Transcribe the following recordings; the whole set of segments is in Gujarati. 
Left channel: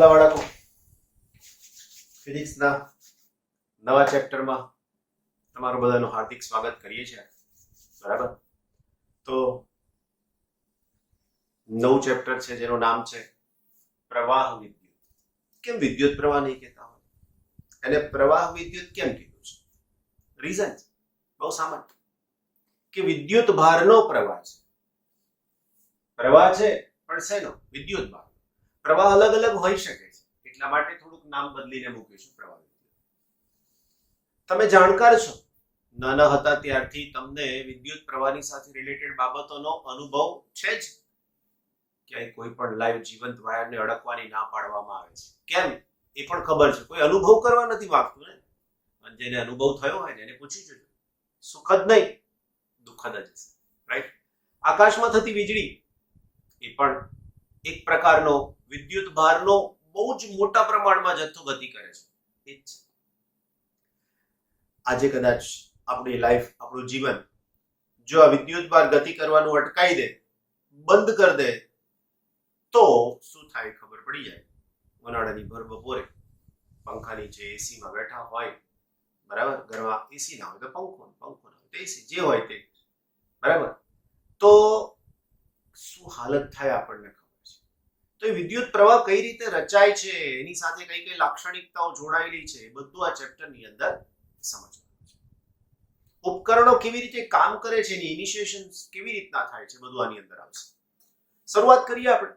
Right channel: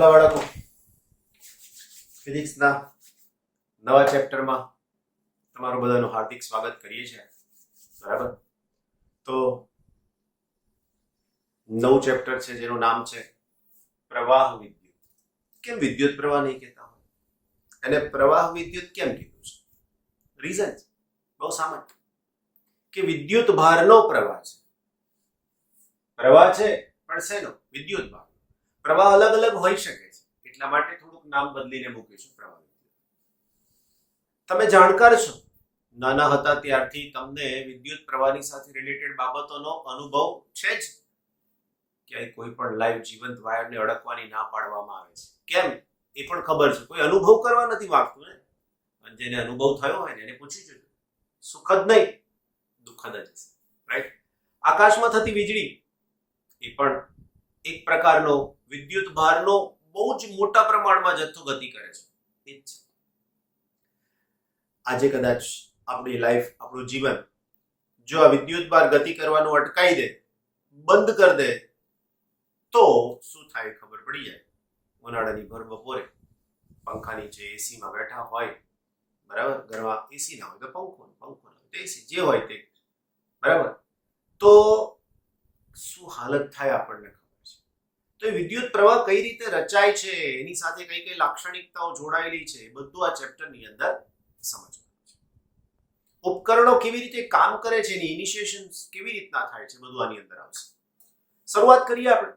વાલા બાળકો, ફિઝિક્સના નવા ચેપ્ટરમાં તમારું બધાનું હાર્દિક સ્વાગત કરીએ છીએ. બરાબર, તો નવું ચેપ્ટર છે જેનું નામ છે પ્રવાહ વિદ્યુત. કેમ વિદ્યુત પ્રવાહ નહીં કહેતા હોય, અને પ્રવાહ વિદ્યુત કેમ કીધું છે? રીઝન બહુ સામાન્ય, કે વિદ્યુત ભારનો પ્રવાહ છે. પ્રવાહ છે પણ શેનો? વિદ્યુત ભાર. પ્રવાહ અલગ અલગ હોઈ શકે છે, એટલા માટે થોડુંક નામ બદલીને મૂકીશું પ્રવાહ વિદ્યુત. તમે જાણકાર છો, નાના હતા ત્યારથી તમને વિદ્યુત પ્રવાહની સાથે રિલેટેડ બાબતોનો અનુભવ છે જ. ક્યાંય કોઈ પણ લાઈવ જીવંત વાયરને અડકવાની ના પાડવામાં આવે છે. કેમ એ પણ ખબર છે, કોઈ અનુભવ કરવા નથી માંગતું ને. અને જેને અનુભવ થયો હોય ને એને પૂછી જોજો, સુખદ નહીં દુઃખદ જ હશે. રાઈટ? આકાશમાં થતી વીજળી એ પણ એક પ્રકારનો વિદ્યુત ભારનો બહુ જ મોટા પ્રમાણમાં જથ્થો ગતિ કરે છે. એ જ છે. આજે કદાચ આપણી લાઈફ, આપણું જીવન જો આ વિદ્યુત ભાર ગતિ કરવાનું અટકાઈ દે, બંધ કરી દે, તો શું થાય ખબર પડી જાય. ઉનાળાની ભર બપોરે પંખા નીચે એસીમાં બેઠા હોય, બરાબર, ઘરમાં એસી ના હોય તો પંખો ના હોય તો એસી, જે હોય તે, બરાબર, તો શું હાલત થાય આપણને ખબર છે. તો એ વિદ્યુત પ્રવાહ કઈ રીતે રચાય છે, એની સાથે કઈ કઈ લાક્ષણિકતાઓ જોડાયેલી છે, એ બધું આ ચેપ્ટરની અંદર સમજવાનું છે. ઉપકરણો કેવી રીતે કામ કરે છે, એની ઇનિશિએશન કેવી રીતના થાય છે, બધું આની અંદર આવશે. શરૂઆત કરીએ આપણે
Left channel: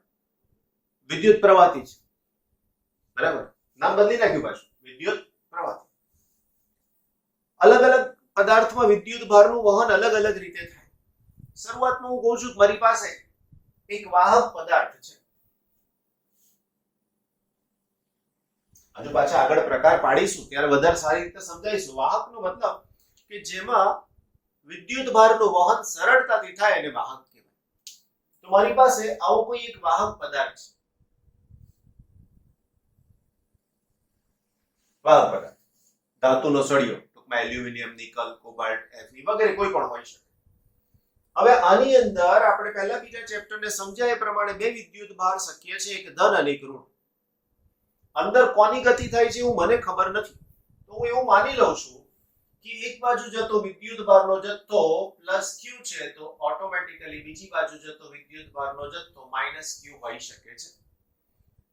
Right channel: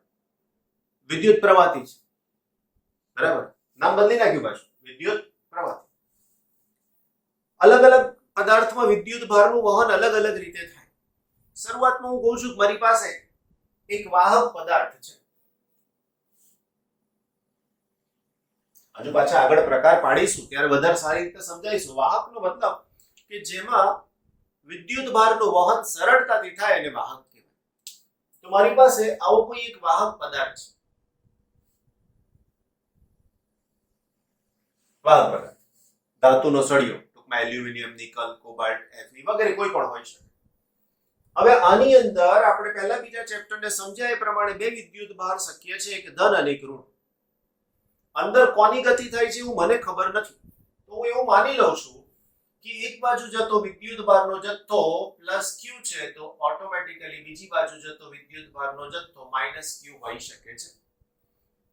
વિદ્યુત પ્રવાહથી જ. બરાબર, નામ બદલી નાખ્યું પાછું, વિદ્યુત પ્રવાહથી. અલગ અલગ પદાર્થમાં વિદ્યુત ભારનું વહન અલગ અલગ રીતે થાય. શરૂઆતમાં હું કહું છું કે મારી પાસે એક વાહક પદાર્થ છે. હજુ પાછા આગળ પ્રકાર પાડીશું ત્યારે વધારે સારી રીતે સમજાઈશું. વાહકનો મતલબ કે જેમાં વિદ્યુત ભારનું વહન સરળતાથી થાય અને વાહક કહેવાય. તો મારી પાસે આવો કોઈ એક વાહક પદાર્થ છે. વાહક પદાર્થ, ધાતુનો સળિયો, ટૂંકમાં એલ્યુમિનિયમ, નિકલ, કોબાલ્ટ, Fe વગેરે કોઈ પણ હોઈ શકે. હવે આની અંદર આપણે પહેલા બીજા ચેપ્ટરને સમજ્યા એ પ્રમાણે બે વિદ્યુત ભાર શક્ય છે, એક ધન અને એક ઋણ. અંદર કોની ગતિ થાય છે એવું મને ખબર નથી, તો હું એવું માની લઉં છું કે એક બાજુ જતો વિદ્યુત ભારનો જથ્થો પ્લસ ક્યુ છે, તો ઓટોમેટિકલી બીજી બાજુ જતો વિદ્યુત ભારનો જથ્થો માઇનસ ક્યુ હોઈ શકે છે.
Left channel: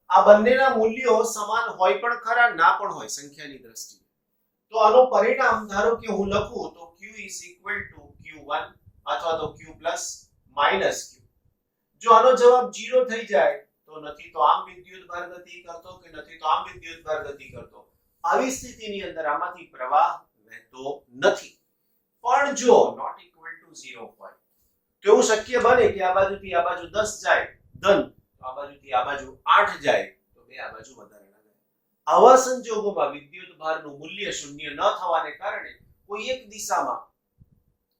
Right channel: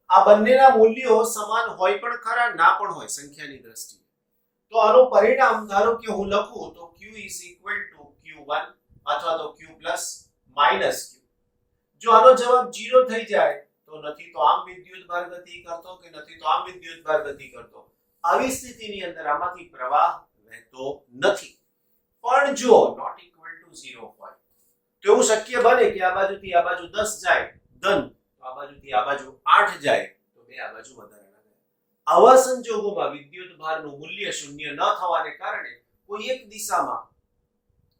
આ બંનેના મૂલ્યો સમાન હોય પણ ખરા, ના પણ હોય સંખ્યાની દ્રષ્ટિએ. તો આનું પરિણામ ધારો કે હું લખું તો Q is equal to Q1 અથવા તો Q plus minus Q. જો આનો જવાબ 0 થઈ જાય તો નથી તો આમ વિદ્યુત ભાર ગતિ કરતો કે નથી તો આમ વિદ્યુત ભાર ગતિ કરતો. આવી સ્થિતિની અંદર આમાંથી પ્રવાહ વહેતો નથી. પણ જો not equal to 0 હોય તો એવું શક્ય બને કે આ બાજુથી આ બાજુ 10 જાય ધન, તો આ બાજુથી આ બાજુ 8 જાય તો બે આ બાજુ વધારે લાગે. આવા સંજોગોમાં વિદ્યુત ભારનું મૂલ્ય શૂન્ય ન થવાને કારણે કોઈ એક દિશામાં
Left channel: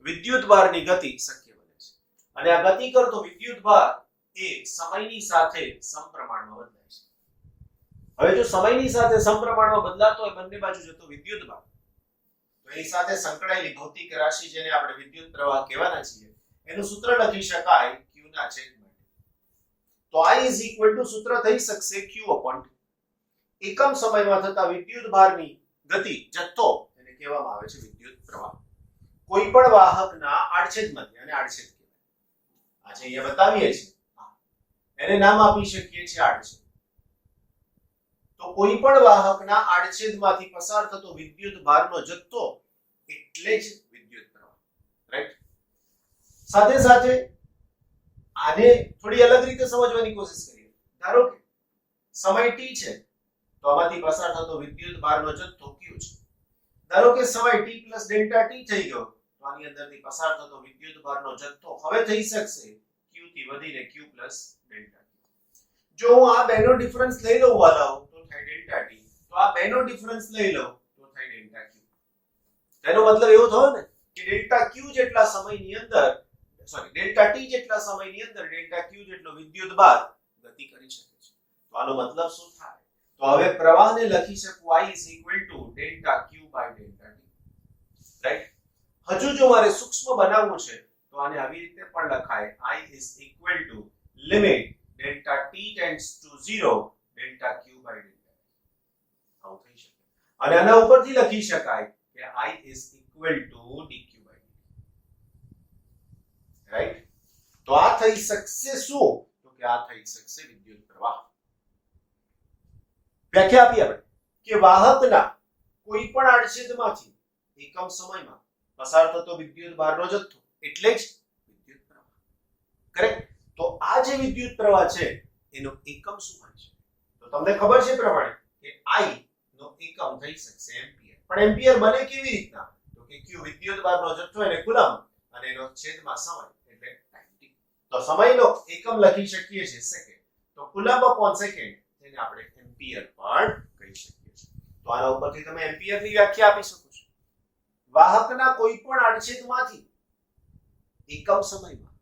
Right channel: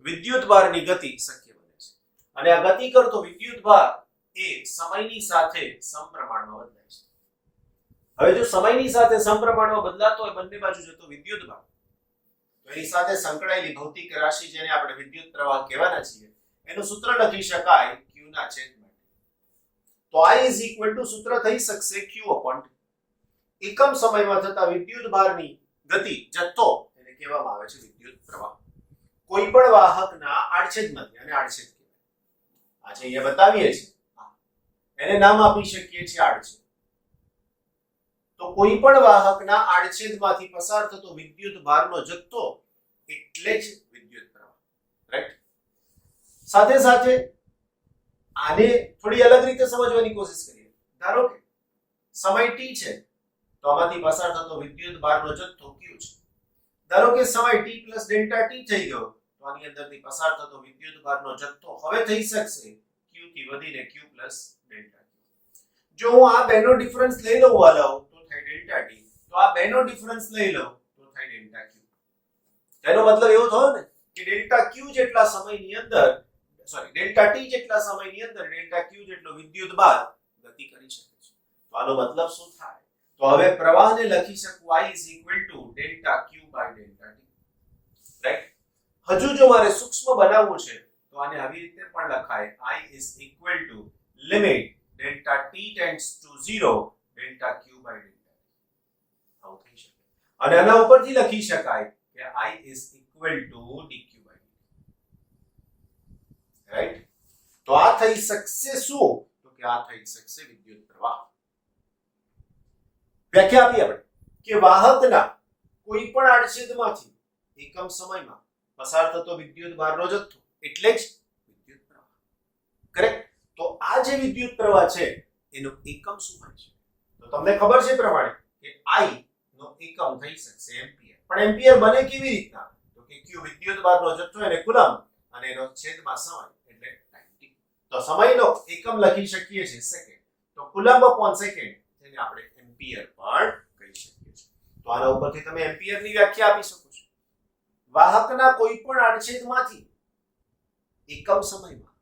વિદ્યુત ભારની ગતિ શક્ય બને છે. અને આ ગતિ કરતો વિદ્યુત ભાર એ સમયની સાથે સમપ્રમાણમાં બદલાય છે. હવે જો સમયની સાથે સમપ્રમાણમાં બદલાતો હોય બંને બાજુ જતો વિદ્યુત ભાર, તો એની સાથે સંકળાયેલી ભૌતિક રાશિ જેને આપણે વિદ્યુત પ્રવાહ કહેવાના છીએ, એનું સૂત્ર લખી શકાય Q ના છેદમાં. તો I is equal to સૂત્ર થઈ શકશે Q upon T. એકમ સમયમાં થતા વિદ્યુત ભારની ગતિ, જથ્થો, એને કહેવામાં આવે છે વિદ્યુત પ્રવાહ. કોઈ પણ વાહકના આડછેદમાંથી, અને આડછેદ કહેવાય, આજે અહીંયા બતાવીએ છીએ, એને નામ આપી શકીએ છીએ આડછેદ. તો કોઈ પણ વાહકના આડછેદમાંથી પસાર થતો વિદ્યુત ભારનો જથ્થો એટલે જ વિદ્યુત પ્રવાહ. રાઈટ? સાથે સાથે આને થોડી અલગ રીતે સમજવાની કોશિશ કરીએ. ધારો કે સમય t છે, તો આમાંથી પસાર થતો વિદ્યુત ભારનો જથ્થો q છે. ધારો કે સમય t plus delta t થઈ ગયો, તો આની અંદરથી પસાર થતો વિદ્યુત ભારનો જથ્થો હવે થઈ શકશે q થી વધીને q plus delta t. જો હું આ બેનો ડિફરન્સ લઈ લઉં વાલાઓ, તો થાય ડેલ્ટા t. તો આ બેનો ડિફરન્સ લઈ લઉં તો થાય ડેલ્ટા q. એનો મતલબ એવો થયો ને કે ડેલ્ટા q જેટલા સમયની અંદર, સોરી, ડેલ્ટા t જેટલા સમયની અંદર ડેલ્ટા q જેટલો વિદ્યુત ભાર ગતિ કરી શકે છે. તો આનો મતલબ શું થાય? તો હવે પ્રવાહને લખી શકું I is equal to delta q by delta t. Right? હજુ જો મારે સૂક્ષ્મ બનાવવું છે તો આને આવી રીતે પણ લખાય I is equal to limit delta t tends to 0, delta Q by delta આવું થઈ શકે અને આના ઉપરથી લખી શકાય કે I is equal to dq by dt right તો આ થઈ શકશે શું તો કે આ થઈ શકશે વિદ્યુત પ્રવાહ વ્યાખ્યા આપી આપણે કે વાહકના કોઈ પણ આડછેદમાંથી એકમ સમયમાં પસાર થતો વિદ્યુત ભારનો જથ્થો એટલે જ વિદ્યુત પ્રવાહ કરેક્ટ તો આ જે વિદ્યુત પ્રવાહ છે એનો એકમ શું હોય છે તો તમને ખબર છે પ્રમાણે કે I નો એકમ થઈ શકશે એમ્પિયર પણ એમ્પિયર બને કેવી રીતના તો કે q વિદ્યુત ભારનો જથ્થો એને કુલમ્બ અને એનો છેદમાં સમય એટલે ટાઈમ t તો સમયનો એકમ લખી શકીએ છીએ સેકન્ડ તો કુલમ્બ અપોન સેકન્ડ જેને આપણે એમ્પિયર પણ કહી શકીએ છીએ તો આના ઉપરથી તમે એમ્પિયરની વ્યાખ્યા આપી શકો છો વાહકના કોઈ પણ આડછેદમાંથી એકમ સમયમાં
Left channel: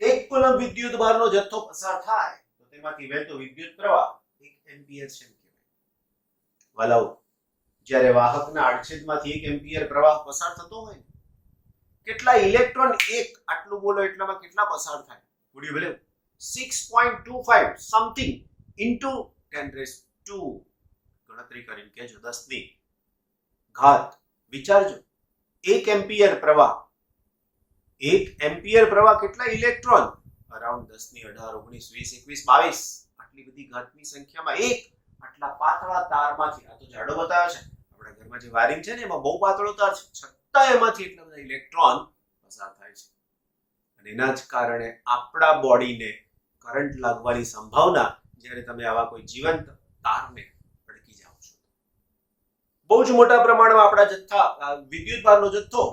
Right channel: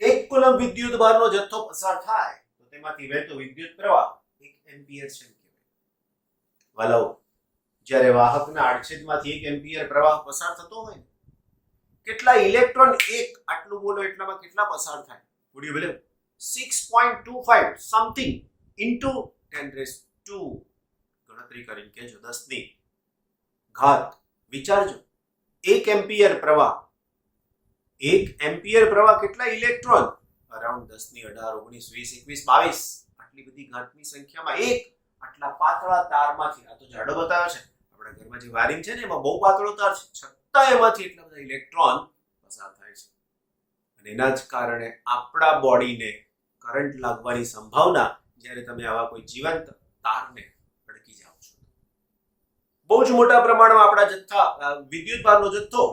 1 કુલમ્બ વિદ્યુત ભારનો જથ્થો પસાર થાય તો તેમાંથી વહેતો વિદ્યુત પ્રવાહ 1 એમ્પિયર છે વાલાઓ જ્યારે વાહકના આડછેદમાંથી 1 એમ્પિયર પ્રવાહ પસાર થતો હોય કેટલા ઇલેક્ટ્રોન એક આટલું બોલો એટલામાં કેટલા પસાર થાય would you believe 6.25 something into 10⁻² ગણતરી કરીને કેજો 10 ની ઘાત વિચારજો 1 એમ્પિયર પ્રવાહ 1 એમ્પિયર પ્રવાહ કેટલા ઇલેક્ટ્રોન અરાઉન્ડ 10 ની 18 19 20 21 22 આટલી બધી ઘાતની સંખ્યામાં એક આટલા પાતળા તારમાંથી આ તો જાડો બતાવ્યો છે આપણા ઘરમાં જે વાયરિંગ છે ને એમાં બહુ પાતળો તાર છે છતાં એમાંથી એટલા બધા ઇલેક્ટ્રોન પસાર થાય છે અને એના જ કારણે આપણા બોડીને કરંટ લાગવાની સંભાવના જ્યારે તમે આવા કોઈ જીવંત તારને અડકી જાઓ છો બહુ જ મોટા પ્રમાણમાં આપણા જથ્થા વિદ્યુત ભારનો જથ્થો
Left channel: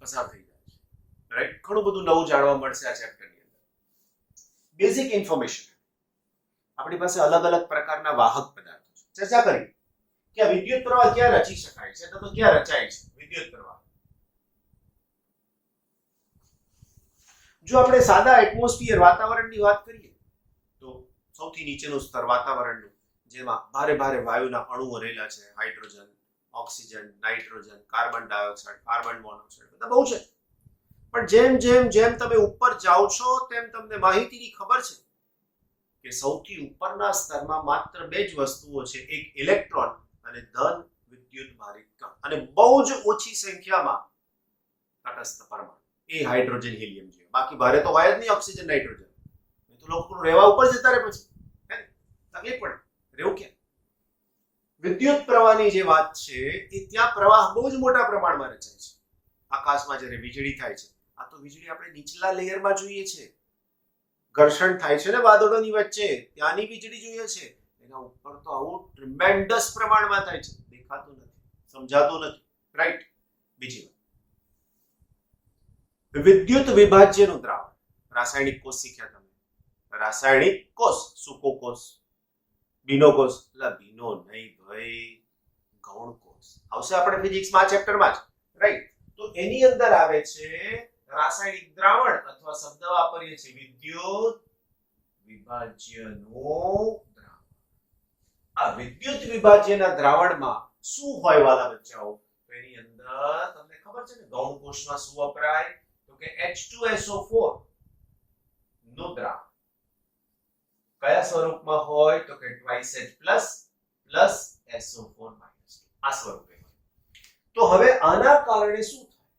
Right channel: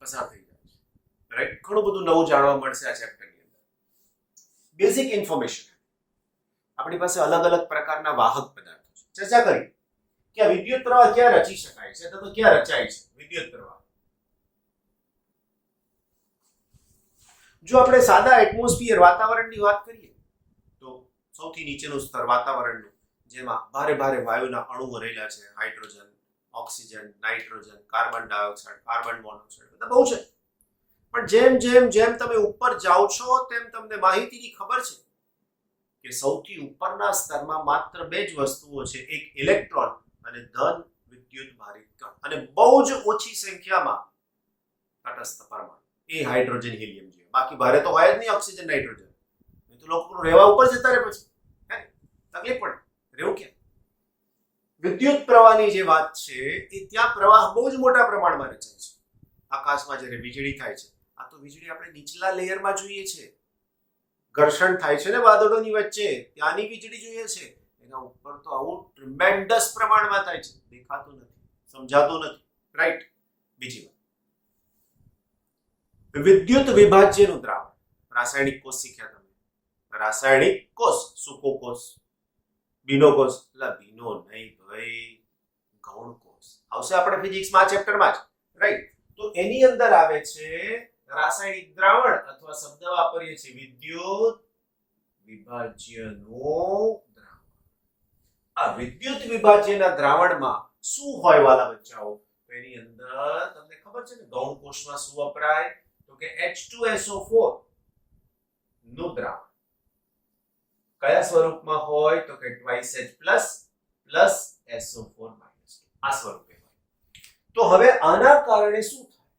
પસાર થઈ જાય છે રાઈટ ઘણું બધું નવું જાણવા મળશે આ ચેપ્ટરની અંદર બેઝિક ઇન્ફોર્મેશન આપણી પાસે અલગ અલગ પ્રકારના વાહક પદાર્થો છે ચર્ચા કરી કે આ વિદ્યુત પ્રવાહ ક્યાં રચી શકાય છે તો ક્યાં રચાય છે વિદ્યુત પ્રવાહ જો આપણે સાદા એટમોસ્ફિયર વાતાવરણની વાત કરીએ તો સૌથી નીચેનું સ્તર વાતાવરણનું જેમાં ભારે ભારે વાયુના અણુઓ રહેલા છે hydrogen oxygen nitrogen carbon dioxide carbon monoxide બધા બહુ છે પણ જેમ જેમ જેમ તમે ઉપર જાઓ છો તેમ તમને માહિતીની ખબર છે કે સૌથી ઉપરના સ્તરમાં માત્ર બે જ વસ્તુઓ છે એક ઇલેક્ટ્રોન અને ધન વિદ્યુત ભારિત કણ અને બહુ જ ઓછી સંખ્યામાં તટસ્થ પરમાણુ એ હાઇડ્રોજન હિલિયમ જેવા બાકી ભારે તો હોય જ નહીં ઓક્સિજન નાઇટ્રોજન એ તો લોકો રહેવા ઉપર જતા રહે પછી તકલીફ પડે રહેવું ક્યાં વિદ્યુત પ્રવાહની જે વાત છે એ ત્યાં પ્રવાહ બહુ જ મોટા પ્રમાણમાં રચાય છે આકાશમાં જ્યારે વીજળી થાય છે આ તો વીજળી આપણે નીચલા લેયરમાં જોઈએ છે ઘર્ષણ થાય છે ને વાદળોની વચ્ચે ત્યાંની વીજળી જોઈએ છે એના ઉપર તો આવું ટ્રીમેન્ડસ પ્રમાણમાં થાય છે દેખાતું નથી સમજાતું નથી રાઈટ બીજી વાત વિદ્યુત વિભાજ્યનું દ્રાવણ રાસાયણિક કોષ શીખ્યા તમે રાસાયણિક કોષ સૂકો કોષ બીનો કોષ એટલે બીનો નહીં ભાઈ ગૌણ કોષ આવશે આપણે ફિઝિક્સમાં આ ચેપ્ટરમાં જ રાઈટ તો એની અંદર આવે છે રાસાયણિક દ્રાવણ અથવા શબ્દ વાપરીએ છીએ વિદ્યુત વિભાજ્યનું દ્રાવણ આ વિદ્યુત વિભાજ્યના દ્રાવણમાં શું હોય વાલા બચ્ચાઓ તો એની અંદર તમને ખબર છે ને ગૌણ કોષમાં શું વપરાય તો કે H2SO4 નું દ્રાવણ કયા સ્વરૂપમાં હોય તો કે 2H પ્લસ SO4 માઇનસ આ સ્વરૂપે હોય તો હવે આના કારણે શું થાય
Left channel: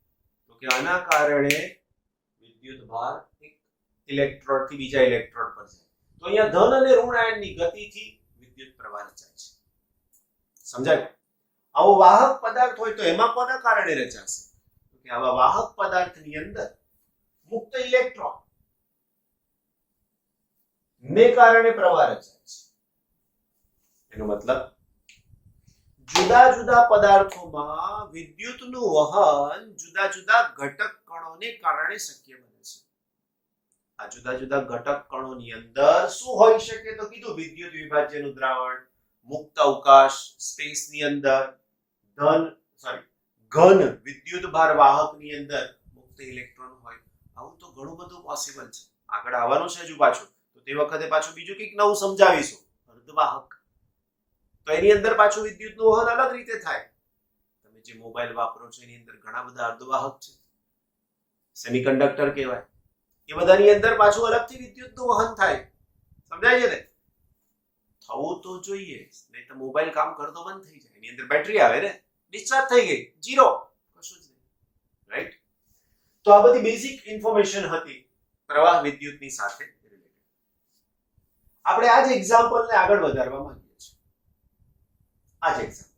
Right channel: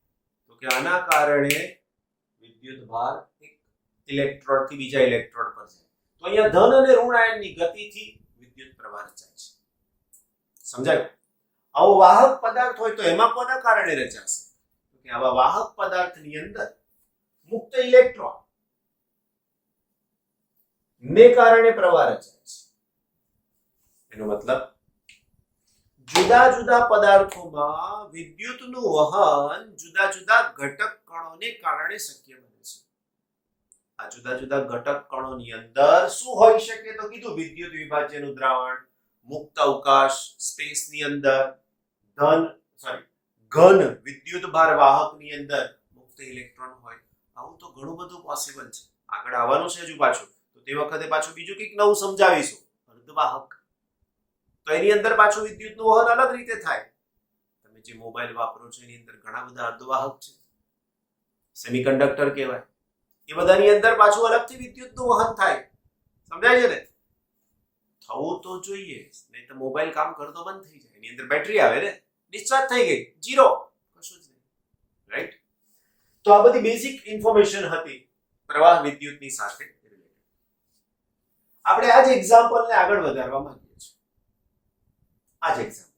તો કે આના કારણે વિદ્યુત ભાર એક ઇલેક્ટ્રોડ થી બીજા ઇલેક્ટ્રોડ પર જાય તો અહીંયા ધન અને ઋણ આયનની ગતિથી વિદ્યુત પ્રવાહ રચાય છે સમજાયું આવો વાહક પદાર્થ હોય તો એમાં કોના કારણે રચાશે તો કે આવા વાહક પદાર્થની અંદર મુક્ત ઇલેક્ટ્રોન ને કારણે પ્રવાહ રચાય છે એનો મતલબ જુદા જુદા પદાર્થોમાં વિદ્યુતનું વહન જુદા જુદા ઘટક કણોને કારણે શક્ય બને છે આ જુદા જુદા ઘટક કણોની અંદર શું હોઈ શકે તો કીધું વિદ્યુત વિભાજ્યનું દ્રાવણ મુક્ત અવકાશ સ્પેસની અંદર ઘન વિદ્યુત ભાર વાહકની અંદર મુક્ત ઇલેક્ટ્રોન હોય આવું તો ઘણું બધું પોસિબલ છે આગળ આવવાનું છે હજુ પાછું તો તે વખતે પાછું બીજું કંઈક નવું સમજાવીશું અર્ધવાહક તો એની અંદર પાછું વિદ્યુતનું વહન અલગ રીતે થાય તમે જે મોબાઈલ વાપરો છો એની અંદર ઘણા બધા અર્ધવાહક છે સેમિકન્ડક્ટર કહેવાય એ બધાની અંદર પાછું અલગથી વિદ્યુતનું વહન થાય સમજાય છે ને થવું તો જોઈએ, નહીં તો મોબાઈલ કામ કરતો બંધ થઈ જાય, એની અંદર બેટરી આવે ને, ડિસ્ચાર્જ થઈ ગઈ, ઝીરો, કશું જ નહીં, રાઈટ? તો આ બધી બેઝિક ઇન્ફોર્મેશન હતી પ્રવાહ વિદ્યુતની સાથે રિલેટેડ. આપણે આ જ એક્ઝામ્પલને આગળ વધારવા માંગીએ છીએ. આ જ એક્ઝામ્પલ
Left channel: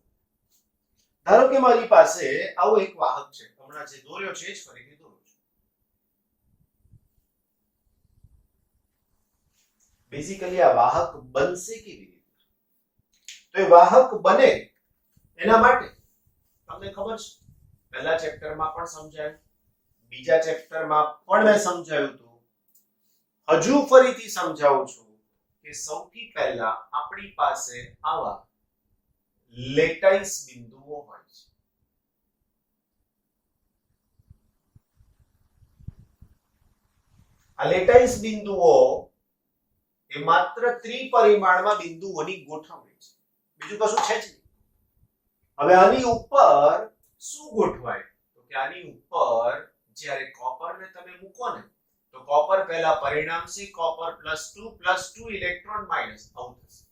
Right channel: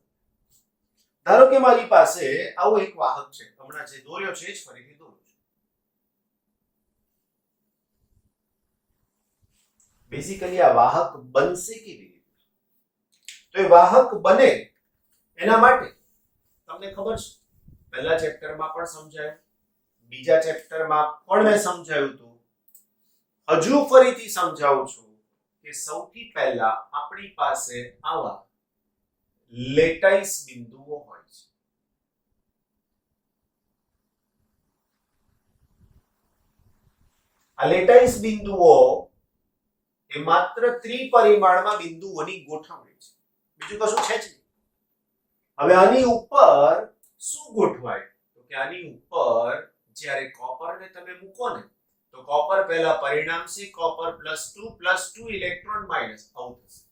ધારો કે મારી પાસે આવો એક વાહક છે, હમણાં જે દોર્યો છે જ ફરીથી દોરું છું. બેઝિકલી આ વાહક બનશે કેવી રીતે? તો એ વાહક બને એના માટે તમને ખબર છે, પહેલા ચેપ્ટરમાં પણ સમજાયું, બીજા ચેપ્ટરમાં પણ મેં સમજાવ્યું હતું, હજુ ફરીથી સમજાવું છું કે સૌથી પહેલા આપણી પાસે આવા લેટાઈસ બિંદુઓ હોય છે. આ લેટાઈસ બિંદુઓ એ માત્ર ત્રિપરિમાણમાં બિંદુઓની ગોઠવણી છે, બીજું કશું છે જ નહીં. હવે આની ઉપર શું ગોઠવાય? તો કે આની ઉપર જ્યારે કોપરને તમે મૂકો ને, તો કોપર પહેલા પરિણામસી કોપર +2 ઇલેક્ટ્રોન માઇનસ આવું થશે.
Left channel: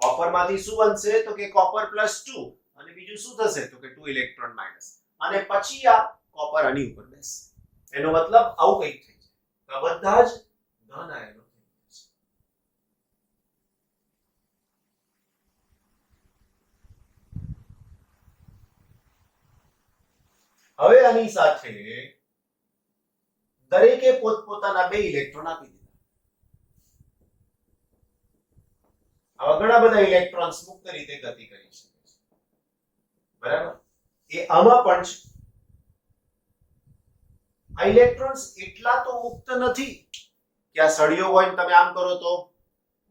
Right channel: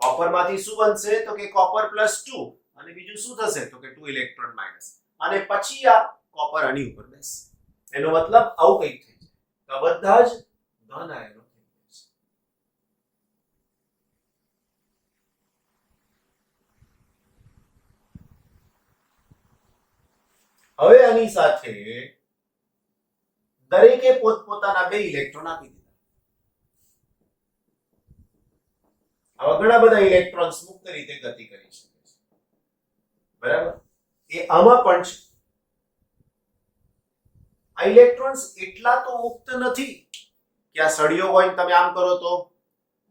કોપરમાંથી શું બનશે? તો કે કોપર +2 અને બીજું શું થશે? તો કે 2 ઇલેક્ટ્રોન માઇનસ, અને પછી આ કોપર આની ઉપર બેસશે. એનો મતલબ આવું કંઈક થઈ જાય. તો બધા જ ધન આયનો થઈ જશે. હવે આની સાથે દરેકે પોતપોતાના 2 ઇલેક્ટ્રોન આપી દીધા. આવા ઘણા બધા ઇલેક્ટ્રોન્સ મુક્ત રીતે ગતિ કરી શકે છે, બરાબર? એ આમાં પણ છે. આ ઇલેક્ટ્રોન્સ એટલા તો મુક્ત નથી કે આ સળિયો હોય તમે આમ કરો તો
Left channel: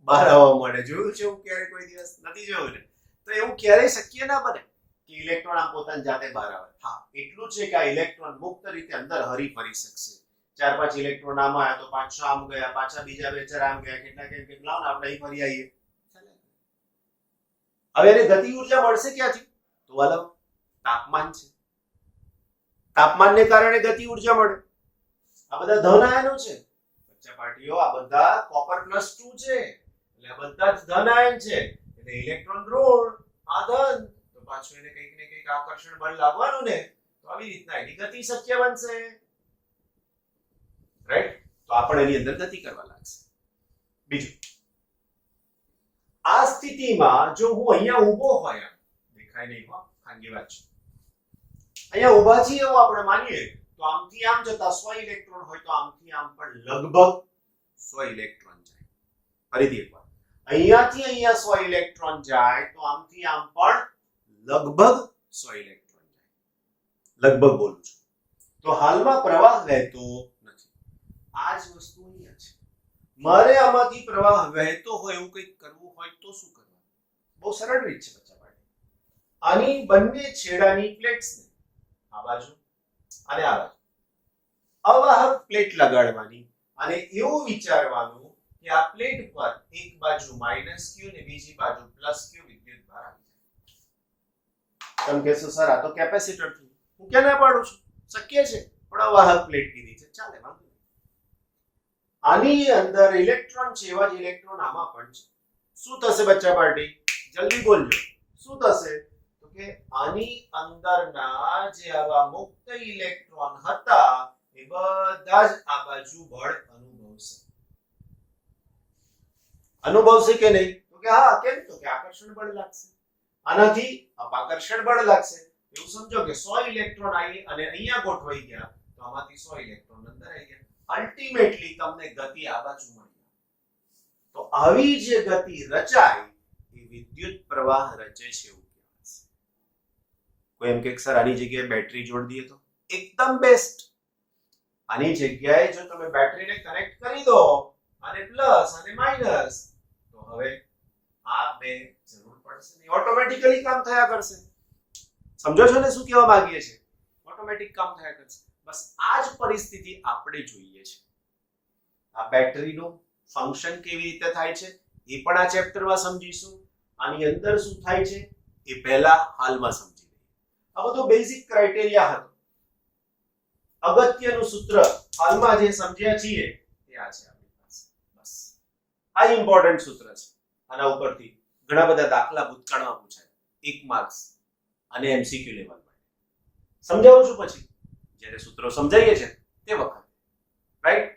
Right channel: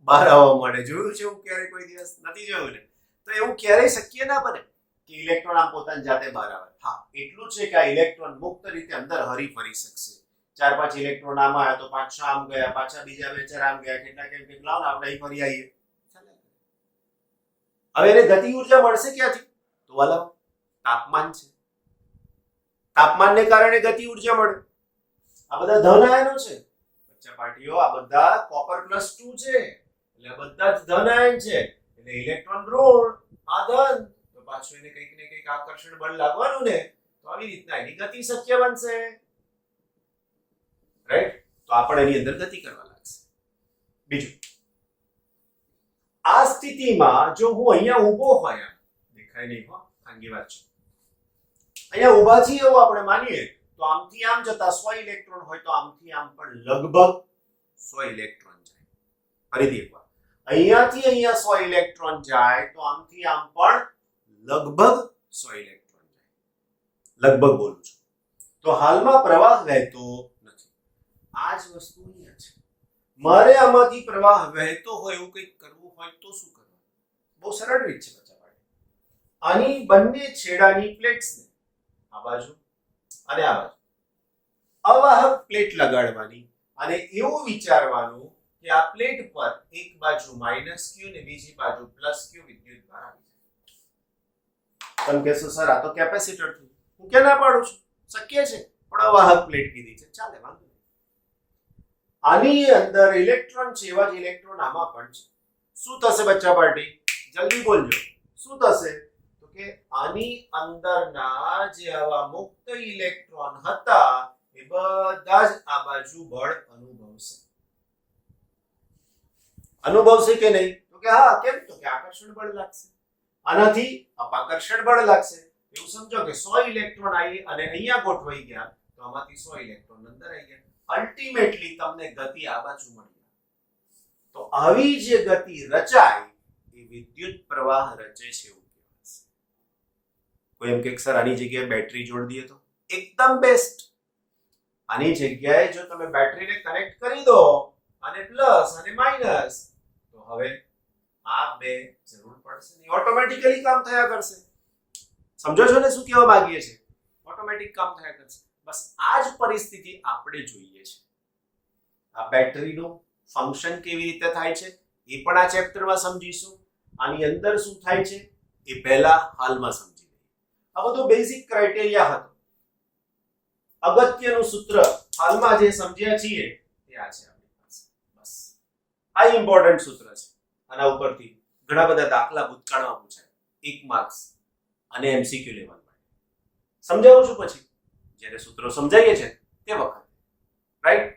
બહાર આવવા મળે. જોયું છે એવું ક્યારે? કોઈ દિવસ નથી જોયું ને? તો એવું ક્યારેય શક્ય ના બને કે ઇલેક્ટ્રોન આમ પોતાની જાતે બહાર આવે. હા, એટલું છે કે આ ઇલેક્ટ્રોન મુક્ત રીતે અંદર હરી ફરી શકશે. 4-5 ઇલેક્ટ્રોન આમાં આવ્યા તો 5-6 આમ ગયા, પાછા બીજા 2-4 આમ ગયા, કેટલા કેમ કેટલા આપણે અહીં ફરી આવીએ. હવે એને ગતિ ઉર્જા મળશે ક્યાંથી? તો વાલા તાપમાન છે, તાપમાનને કારણે ગતિ ઉર્જા મળે. આ બધા ધન આયનો છે બચ્ચા પાર્ટીઓ, આ બધા કોપર +2 છે એટલે આ બધા જ ધન આયન છે, એટલે ઇલેક્ટ્રોન ઋણ, આ ધન, તો પાછું એને કંઈક ને કંઈક આકર્ષણ બળ લાગવાનું ને, તો આવી રીતના એની ગતિ શક્ય બનશે, રાઈટ? તો આપણે એની અંદર ગતિ કરવા લાગશે. બીજું, આ સ્થિતિમાં જો હું અહીંયા ઊભો હોય, દેખાય નહીં હો, ખાનગી વાત છે, અહીંયા ઊભા છીએ એવું આપણે માનીએ, તો આમથી આમ જતા 100 ઇલેક્ટ્રોન હોય તો આમથી આમ પણ લગભગ 100 ઇલેક્ટ્રોન જાય. ફરીથી એકવાર, અહીંયાથી અહીંયા 100 ઇલેક્ટ્રોન જાય તો આમથી આમ પણ લગભગ 100 ઇલેક્ટ્રોન જાય. લગભગ બોલું છું. તો હાલમાં પ્રવાહ વહેતો નથી. આ જ વસ્તુ અહીંયા છે. મારે આમાંથી પ્રવાહ વહેતો હોય એવું કંઈક કરવું હોય તો શું કરવાનું? બહુ સરળ રીત છે બચ્ચા ભાઈ. આની બંને છેડાની પ્લેટ્સને આ બાજુ અને આ બાજુ અવાહક પ્લેટ લગાડવાની અને એવું વિચારવાનું કે આ પ્લેટ પર એક બાજુ -q ને બીજી બાજુ +q વિદ્યુત ભાર આવી જાય. તમે કહેશો સર આ તો કેપેસિટર થયું. હું ક્યાં ના પાડું છું? શક્ય છે, પણ અવાહક પ્લેટ કીધી છે, ચાલે, વાંધો નહીં. આની અંદર ઇલેક્ટ્રોન છે, એવા જ ઇલેક્ટ્રોન આમાં પણ છે. શું થશે બચ્ચા પાર્ટી? જલ્દી બોલજો. શું થશે? તો કે આની અંદરના જે આવા મુક્ત ઇલેક્ટ્રોન હતા એ બધા જ આ બાજુ બળ અનુભવશે. અનુભવશે કે નહીં? તો કે હા. કેમ? તો કે આકર્ષણ બળ લાગશે. આનાથી અપાકર્ષણ બળ લાગશે. એવું સમજો કે 100 ઇલેક્ટ્રોન આવી અને અહીંયા ગોઠવાઈ ગયા, તો આમાંથી 100 ઇલેક્ટ્રોન અંદર આવી ગયા. અલ્ટિમેટલી તમને ગતિ આ બાજુ મળી. તો આવી જે ગતિ રચાય એ વિદ્યુત પ્રવાહ રચે છે એવું કહેવાય. કોઈ એમ કે સર આની જગ્યાએ બેટરી જોડી દઈએ તો એકદમ બેસ્ટ. આની જગ્યાએ જો તમે બેટરીને કનેક્ટ કરી દો અને પ્લસ અને માઇનસ, તો હવે આ બે જરૂર પડશે નહીં, ઓટોમેટિકલી કામ થયા કરશે. સમજો છો ને શું કહેવા માંગીએ છીએ? ઓટોમેટિક કામ થયા કરશે. બસ આ જ પરિસ્થિતિ આપણે જોઈએ છે. આ બેટરીનું ફંક્શન કેવી રીતે થાય છે એ પણ આ ચેપ્ટરમાં સમજીશું. આની અંદર શું થાય છે એ પહેલા હાલમાં સમજી લઈએ. આ બધું બેઝિક ક્રાઇટેરિયા હતો. અગત્યનું સૂત્ર હાલમાં જે સમજ્યા છીએ તે આ છે આપણી પાસે. બસ આ ઇમ્પોર્ટન્ટ સૂત્ર છે. આના ઉપરથી ઘણા બધા દાખલા ભૂતકાળમાં પૂછાય, 1 માર્ક્સ અને એમસીક્યુ લેવલમાં. સમજાવું છું પછી જ્યારે સૂત્રો સમજાઈએ છે તે વખતે, રાઈટ?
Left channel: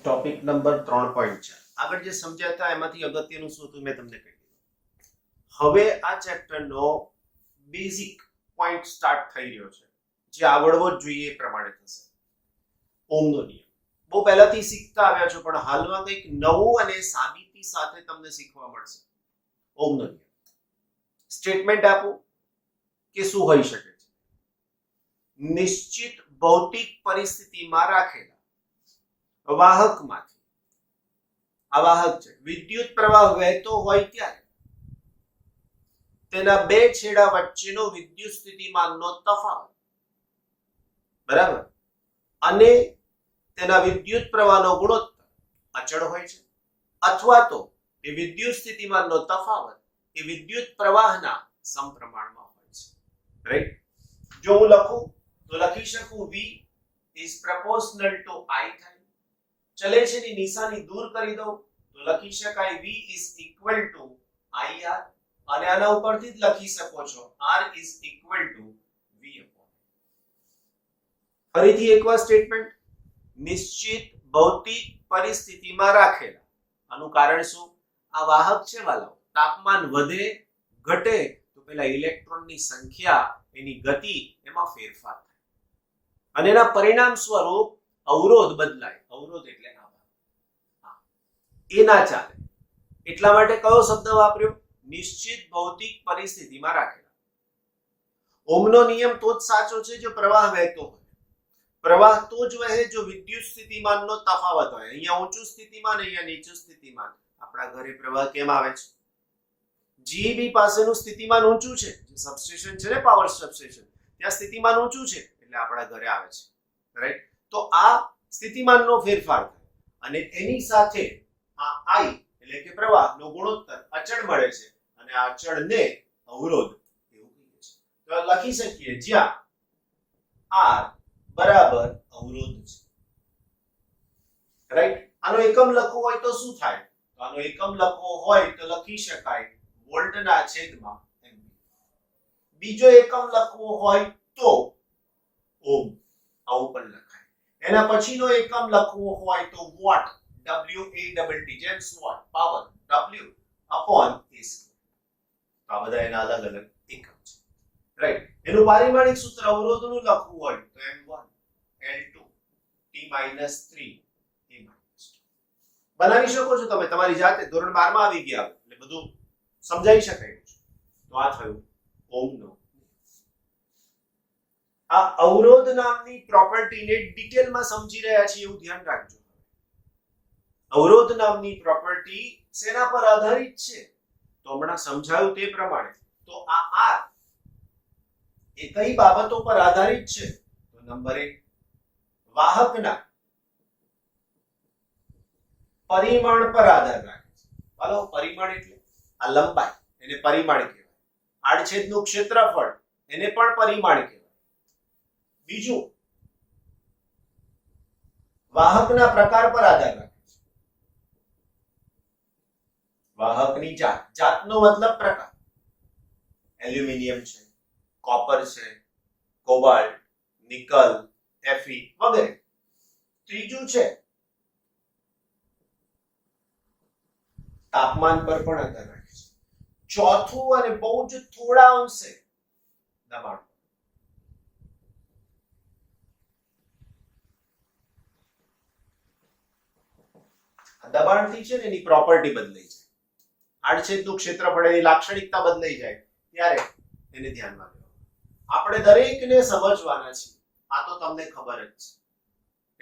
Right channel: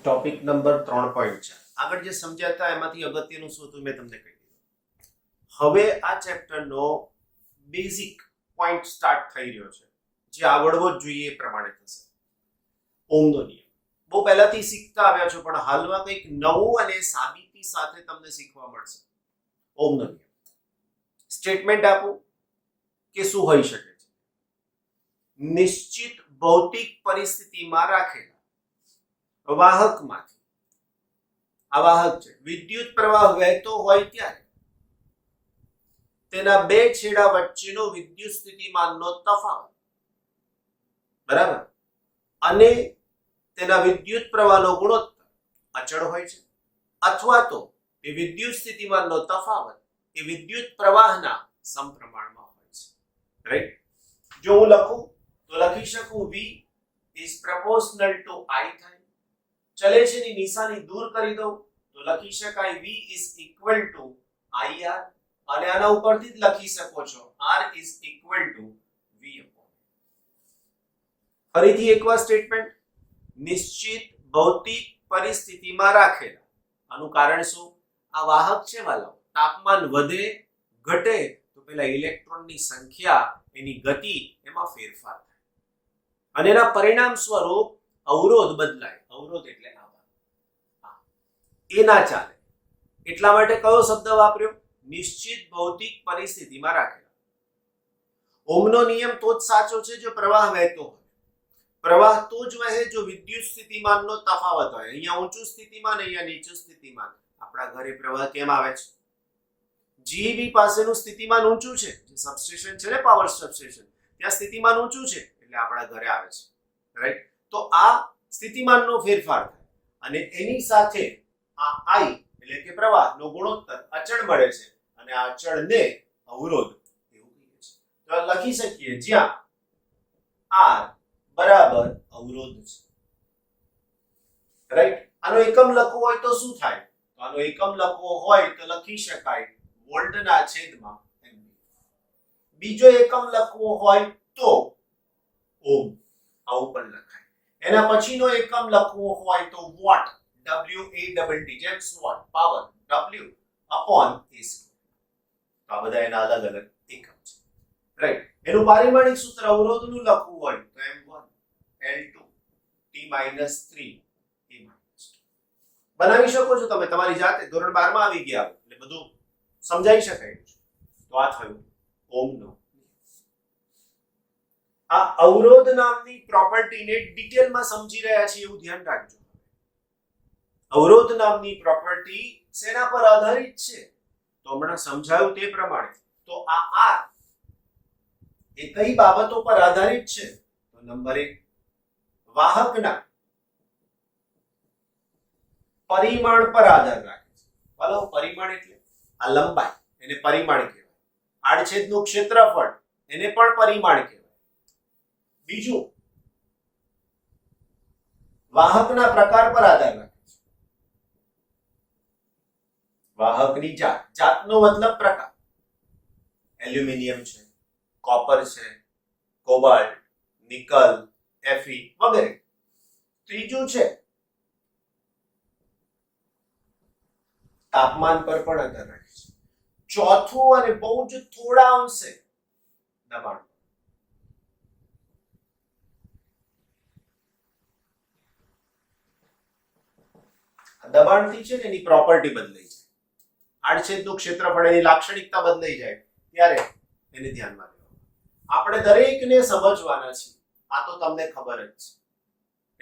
ટોપિક નંબર 3.4 આગળ જે સમજ્યા હતા એમાંથી અગત્યનું શું હતું મેં તમને કહી દીધું. હવે આ ચેપ્ટરનો બેઝિક પોઈન્ટ સ્ટાર્ટ થઈ રહ્યો છે, જે આવડવો જ જોઈએ એ પ્રમાણે થશે. ઓમનો નિયમ બહુ પહેલાથી શીખતા આવ્યા છો, પણ હાલમાં કંઈક નવું અને સાબિતી સાથે તમને શીખવા મળશે. ઓમનો નિયમ સ્ટેટમેન્ટ આપું કે શું હોઈ શકે છે? નિશ્ચિત ભૌતિક પરિસ્થિતિમાં રાખેલા વાહકમાંથી, આ વાહક છે, વિદ્યુત પ્રવાહ વહેતો હોય ત્યારે તેના બે છેડા વચ્ચેનો વિદ્યુત સ્થિતિમાનનો તફાવત, બરાબર, અને તેના વિદ્યુત પ્રવાહનો ગુણોત્તર અચળ હોય છે, અથવા તો એ વિદ્યુત સ્થિતિમાનનો તફાવત એ વિદ્યુત પ્રવાહના સમપ્રમાણમાં હોય છે, રાઈટ? જો હું લખું તો લખી શકું v is proportional to I થાય. ચલે છે ની નિશાની દૂર કરી દઉં તો લખી શકાય v is equal to IR, અને આના ઉપરથી જ લખી શકો છો R is equal to V upon. ફરીથી એકવાર સ્ટેટમેન્ટ, નિશ્ચિત ભૌતિક પરિસ્થિતિમાં રાખેલા, આનું કારણ શું? આ વાહક છે વાલાઓ, તાપમાન વધે ઘટે તો પેલા ઇલેક્ટ્રોનની સંખ્યા, એની ગતિ એમાં ફેરફાર થાય અને એના પરિણામ સ્વરૂપ અવરોધ બદલાય. અવરોધ એટલે એ ના ચાલે, એટલા માટે કયો શબ્દ વાપર્યો? નિશ્ચિત ભૌતિક પરિસ્થિતિમાં રાખેલા. ઓમનો નિયમ તો જ સાચો છે જો પ્રવાહ વહેતો હોય. પ્રવાહ તો જ વહે જો વિદ્યુત સ્થિતિમાનનો તફાવત હોય. અહીંયા ઊંચું સ્થિતિમાન, અહીંયા નીચું સ્થિતિમાન. આપણા ઘરે પ્રવાહ કેમ આવે છે? જીબી પાસેનું સ્થિતિમાન ઊંચું છે, જે સબસ્ટેશન છે ને, પાવર સબસ્ટેશન, ત્યાં સ્થિતિમાન ઊંચું છે એટલે આપણા ઘરે આવે છે, રાઈટ? તો આ સ્થિતિમાનનો ફેરફાર થાય અને એની સાથે આ I એટલે કે પ્રવાહનો ગુણોત્તર અચળ મળે છે, અને આ અચળને અવરોધ એવું કહીએ છીએ. તો લખી શકીએ જ્યાં R બરાબર અવરોધ છે, રાઈટ? આનો એકમ લખવો હોય તો શું થાય? તો આનો એકમ લખવો હોય તો લખી શકાય વોલ્ટના છેદમાં એમ્પીયર. બીજો એકમ લખવો હોય તો ઓમ, આવું પણ લખાય. એના પછીનો એકમ લખવો હોય તો watt, WATT, James Watt, power W upon A square. આ બધા એના અલગ અલગ એકમ છે, રાઈટ? એનું પારિમાણિક સૂત્ર અવરોધનું લખવું હોય તો M1 L2 T - 3 A - 2 બનાવી શકો છો તમે તમારી જાતે. ધોરણ 12 માં આવી ગયા એટલે બધું સમજાઈ શકાય છે. તો આ થયું ઓમનો. આ અવરોધ નામની પ્રોપર્ટીને ડિટેલમાં સમજી રહ્યા છીએ એવું ધ્યાન રાખજો. અવરોધ નામની પ્રોપર્ટી શેના પર આધારિત છે? તો હમણાં સમજાયું તે પ્રમાણે. તો આ R એ કઈ બાબતો પર આધારિત છે? તો નંબર 1, વાહકના પરિમાણ પર આધાર રાખે છે. ચાલો, પરિમાણ એટલે આ લંબાઈ, એને પરિમાણ કહેવાય. આડછેદનું ક્ષેત્રફળ, એને પણ પરિમાણ કહેવાય. બીજું, વાહકના પ્રકાર પર આધાર રાખે છે. વાહકની જાત, જાતનો મતલબ પ્રકાર. એલ્યુમિનિયમ છે, કોપર છે, કોબાલ્ટ, નિકલ, Fe વગેરે. ત્રીજું છે તાપમાન પર પણ આધાર રાખે છે. ચોથું અને બહુ જ થોડા અંશે દબાણ. દબાણથી છે ને એની પ્રોપર્ટી બદલાઈ જાય, આડછેદનું ક્ષેત્રફળ, એની લાક્ષણિકતા બદલાઈ જાય ત્યારે એને ધ્યાનમાં લેવાનું. આપણે દરેકને સમજવાના છીએ, આ તો તમને ખબર જ છે,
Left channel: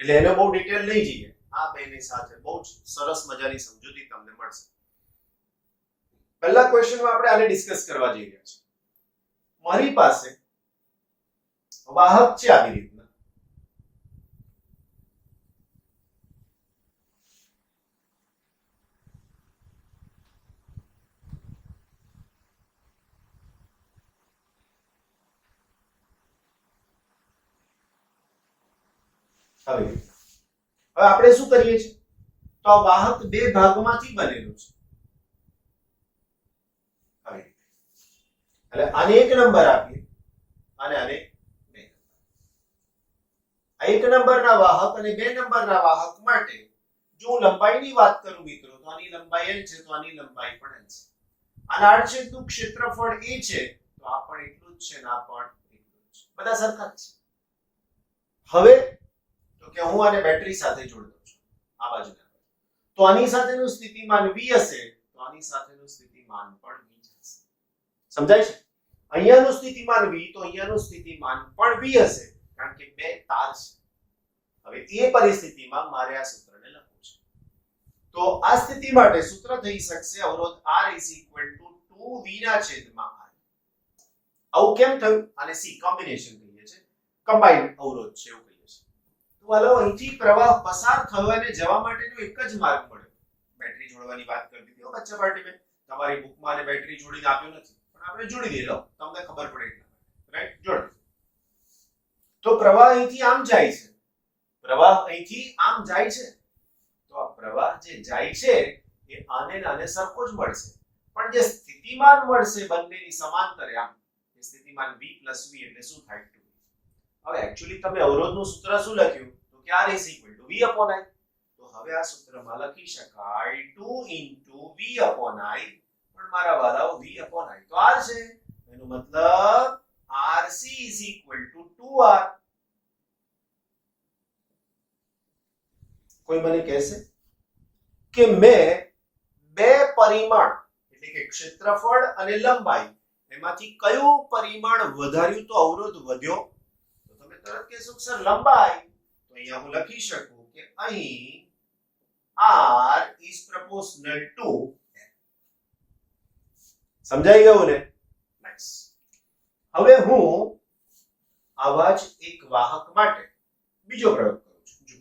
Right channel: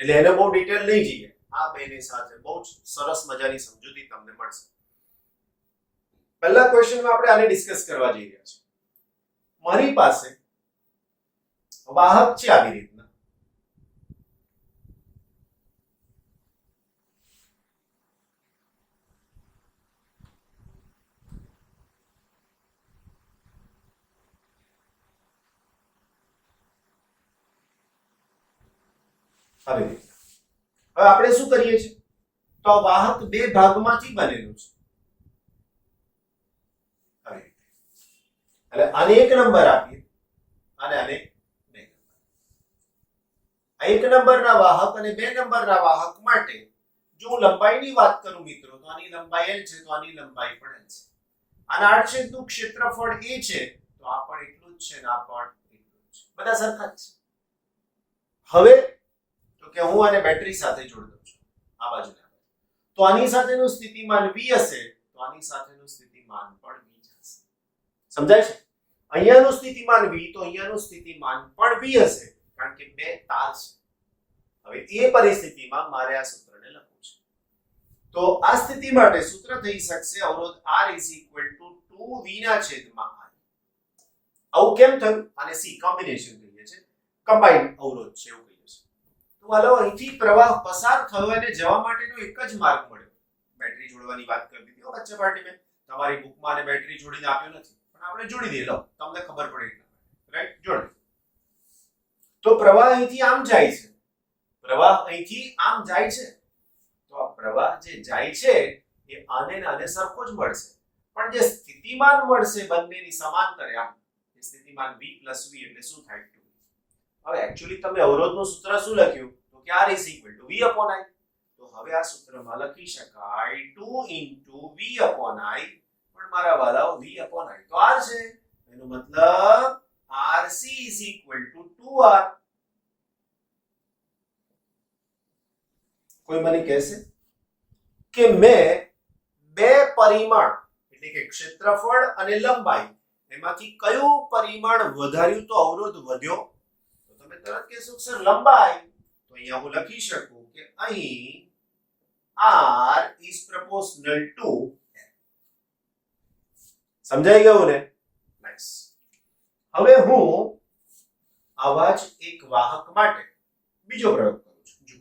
એટલે એને બહુ ડિટેલ નહીં જઈએ. આ બેની સાથે બહુ જ સરસ મજાની સમજૂતી તમને મળશે. પહેલા ક્વેશ્ચનમાં આપણે આને ડિસ્કસ કરવા જઈ રહ્યા છીએ. મારી પાસે વાહક છે આવી રીતના, હવે આપણે શું કરીએ છીએ? તો તો આ વાહક બે ભાગમાંથી બનેલું છે. હવે એટલે આને 1 નંબર આપીએ અને આને 2 નંબર. આ 1 નંબરના વાહક અને 2 નંબરના વાહક માટે જો હું લંબાઈની વાત કરું મિત્રો તો આની લંબાઈ l છે તો આની લંબાઈ પણ l છે. આના આડછેદનું ક્ષેત્રફળ a છે તો આ પણ એટલું જ છે ને આ પણ એટલું જ છે. બધા સરખા જ છે. હવે તો કે હું આને બેટરી સાથે જોડી દઉં છું આ બાજુના. તો આની સાથેનું સ્થિતિમાન v હશે તો આની સાથેનું સ્થિતિમાન પણ v હશે. સમજાય છે? અહીંયાનું સ્થિતિમાન v તો અહીંયાનું સ્થિતિમાન પણ v હશે કારણ કે બે તાર છે. હવે એ પરિસ્થિતિમાં મારે આ સૂત્રને લખવું છે. તો આ સ્થિતિ માટે સૂત્ર થઈ શકશે અવરોધ R 2v ના છેદમાં I. આવું કેમ થયું? આને C કોમ્બિનેશન કહીએ છે, કમ્બાઇન્ડ અવરોધ છે એવું કહીએ છે. તો હાલો અહીંથી પ્રવાહ પસાર થયો અને જવા માટેનો એક જ માર્ગ મળ્યો. બેટરી જોડવાની વાત કરી હતી હો બચ્ચા પાર્ટી મેં. તમારી બુકમાં ને બેટરી જોડીને આપ્યું નથી પણ આપણે જોડી દઈએ. લો તમને ખબર પડે એટલા માટે, રાઈટ? જોડી. તો પ્રવાહ અહીંથી આમ જાય છે. પ્રવાહ અહીંથી આમ જાય છે. તો આ પ્રવાહ જે જાય છે એ આને ને આને સરખો જ મળશે. પણ જે સ્થિતિમાન મળશે બંનેની સમાંતરે આમ એ સ્થિતિમાન v v એટલે શું થાય 2. હવે એક્ચ્યુઅલી તમે અવરોધનું સૂત્ર શું લખ્યું તો કે R v/I. તો હવે આ સૂત્રમાં લખી શકાય 2 v/I. પણ મારા વાલાઓ v/I તો R છે. એનો મતલબ RC 2R. કોઈ મને કહેશે કે મેં બે પરિમાણ એટલે કે ક્ષેત્રફળ અને લંબાઈ એમાંથી કયું પરિમાણ વધાર્યું તો અવરોધ વધ્યો? તો તમે તરત કહેશો કે સર લંબાઈ. તો અહીંયા હું લખી શકું કે અહીં R is proportional to L. સમજાઈ ગયું ને? નાઈસ. હવે હું આવા જ એક વાહક માટે બીજો પ્રયોગ કરું છું. જો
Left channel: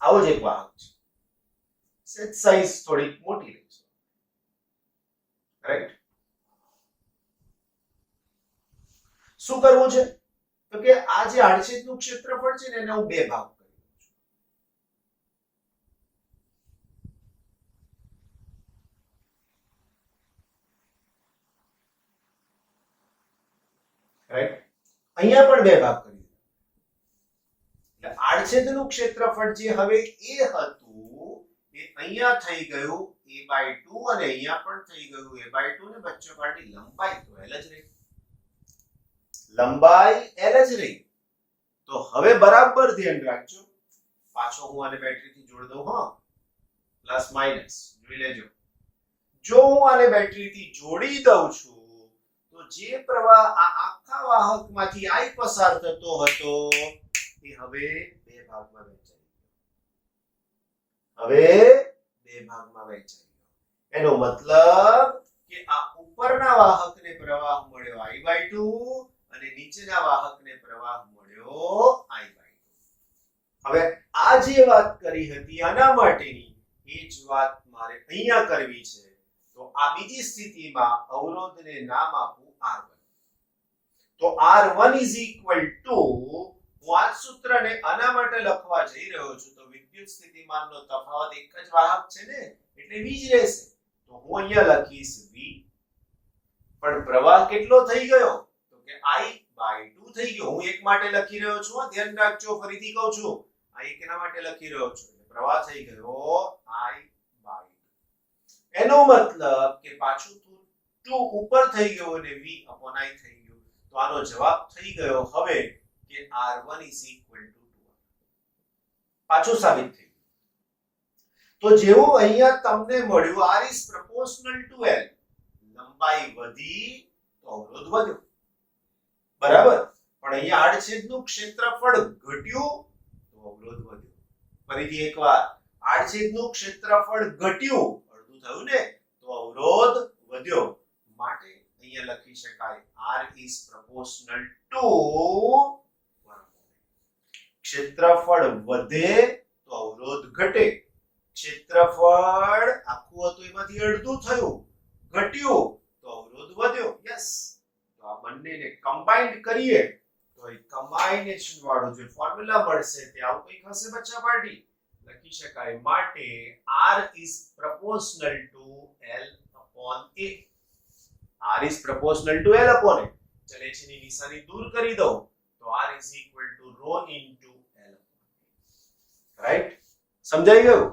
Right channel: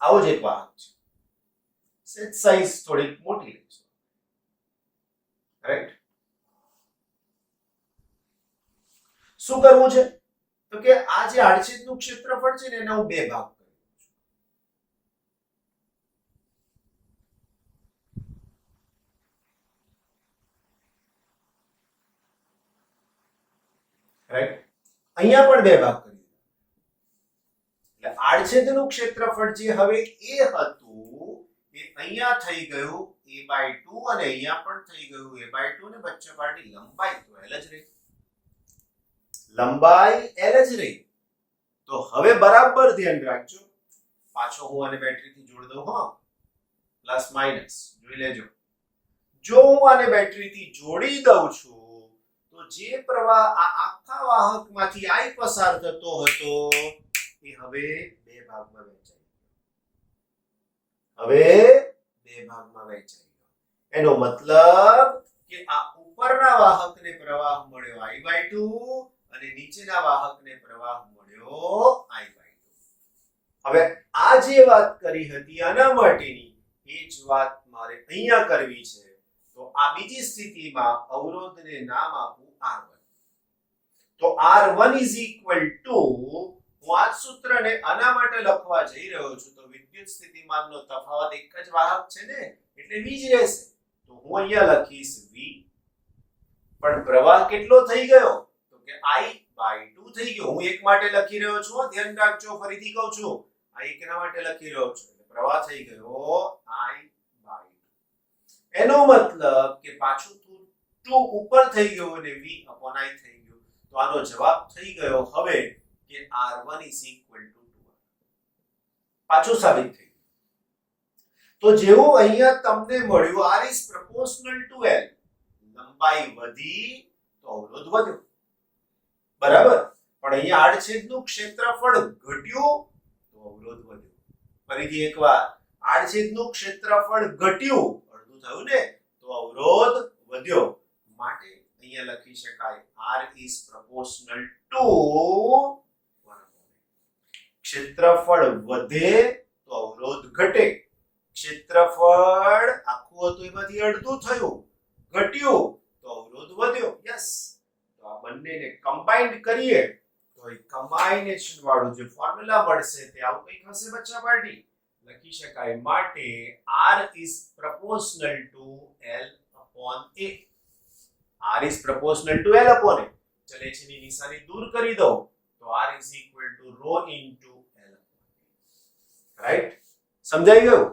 આવો જ એક વાહક છે. સેટ સાઈઝ થોડીક મોટી છે, રાઈટ? શું કરવું છે તો કે આ જે આડછેદનું ક્ષેત્રફળ છે ને એને હું બે ભાગ કરી દઉં છું. રાઈટ? અહીંયા પણ બે ભાગ કરી દઉં. એટલે આડછેદનું ક્ષેત્રફળ જે હવે a હતું એ અહીંયા થઈ ગયું a/2 અને અહીંયા પણ થઈ ગયું a/2 ને બચ્ચો પાર્ટી લંબાઈ તો l જ રહી. લંબાઈ l જ રહી. તો હવે બરાબર ધ્યાન રાખજો. પાછો હું આને બેટરીથી જોડી દઉં. હા, પ્લસ માઈનસ જોઈ લેજો. જો હું આને બેટરીથી જોડી દઉં છું તો જે પ્રવાહ આ આખા વાહકમાંથી I પસાર થતો હતો એ હવે બે ભાગમાં વહેંચાઈ ગયો. એનો મતલબ કે આ ઉપરના વાહકને પ્રવાહ મળ્યો I/2 અને નીચેના વાહકને પ્રવાહ મળ્યો I/2. હવે આ જે વાત કરી હતી આના માટેની એ જ વાત મારે અહીંયા કરવી છે. તો આ બીજી સ્થિતિમાં અવરોધને નામ આપું R1. તો R1 હું આ સૂત્રને આના માટે લખવા જઈ રહ્યો છું. તો વિદ્યુત સ્થિતિમાનનો તફાવત એક જ વાહક છે ને એટલે v જ રહેશે. તો હું અહીંયા લખીશ v. પણ પ્રવાહ કેટલો થઈ ગયો તો કે I/2 થઈ ગયો. હું એક માટે લખી રહ્યો છું, ધ્યાન રાખજો. ફરીથી કહું છું, આ એકના માટે લખી રહ્યો છું. એટલે પ્રવાહ થઈ ગયો I/2. એનો મતલબ કે પાછું 2 ઉપર થઈ ગયો અને v/I થઈ ગયું. તો આનો જવાબ થઈ ગયો હવે કે R1 2R. પાછું સાબિત થઈ ગયું. તો જેવું અહીંયા તમને મળ્યું R is proportional to L. લંબાઈ વધી તો અવરોધ વધ્યો. બરાબર? પણ અહીંયા આડછેદનું ક્ષેત્રફળ ઘટ્યું તો અવરોધ વધ્યો. ફરીથી એકવાર, આડછેદનું ક્ષેત્રફળ ઘટ્યું, અડધું થયું ને, તો અવરોધ વધ્યો. માટે અહીંયા લખી શકાય R is proportional to 1. ક્ષેત્રફળ વધે તો અવરોધ ઘટે. ક્ષેત્રફળ આખું હતું એમાંથી અડધું થયું, ઘટ્યું તો અવરોધ વધ્યો. યસ. તો આ બંનેને કમ્બાઇન્ડ કરીએ તો તો એ કમ્બાઇનેશન વાળો જે ફોર્મ્યુલા મળશે તે આવું કંઈક હશે બચ્ચા પાર્ટી. લખી શકાય માટે r is proportional to l upon a. r is proportional to l upon a. ચલે છે ની નિશાની દૂર કરી દો તો r is equal to rho into l upon a. Right? સમજાઈ ગયું?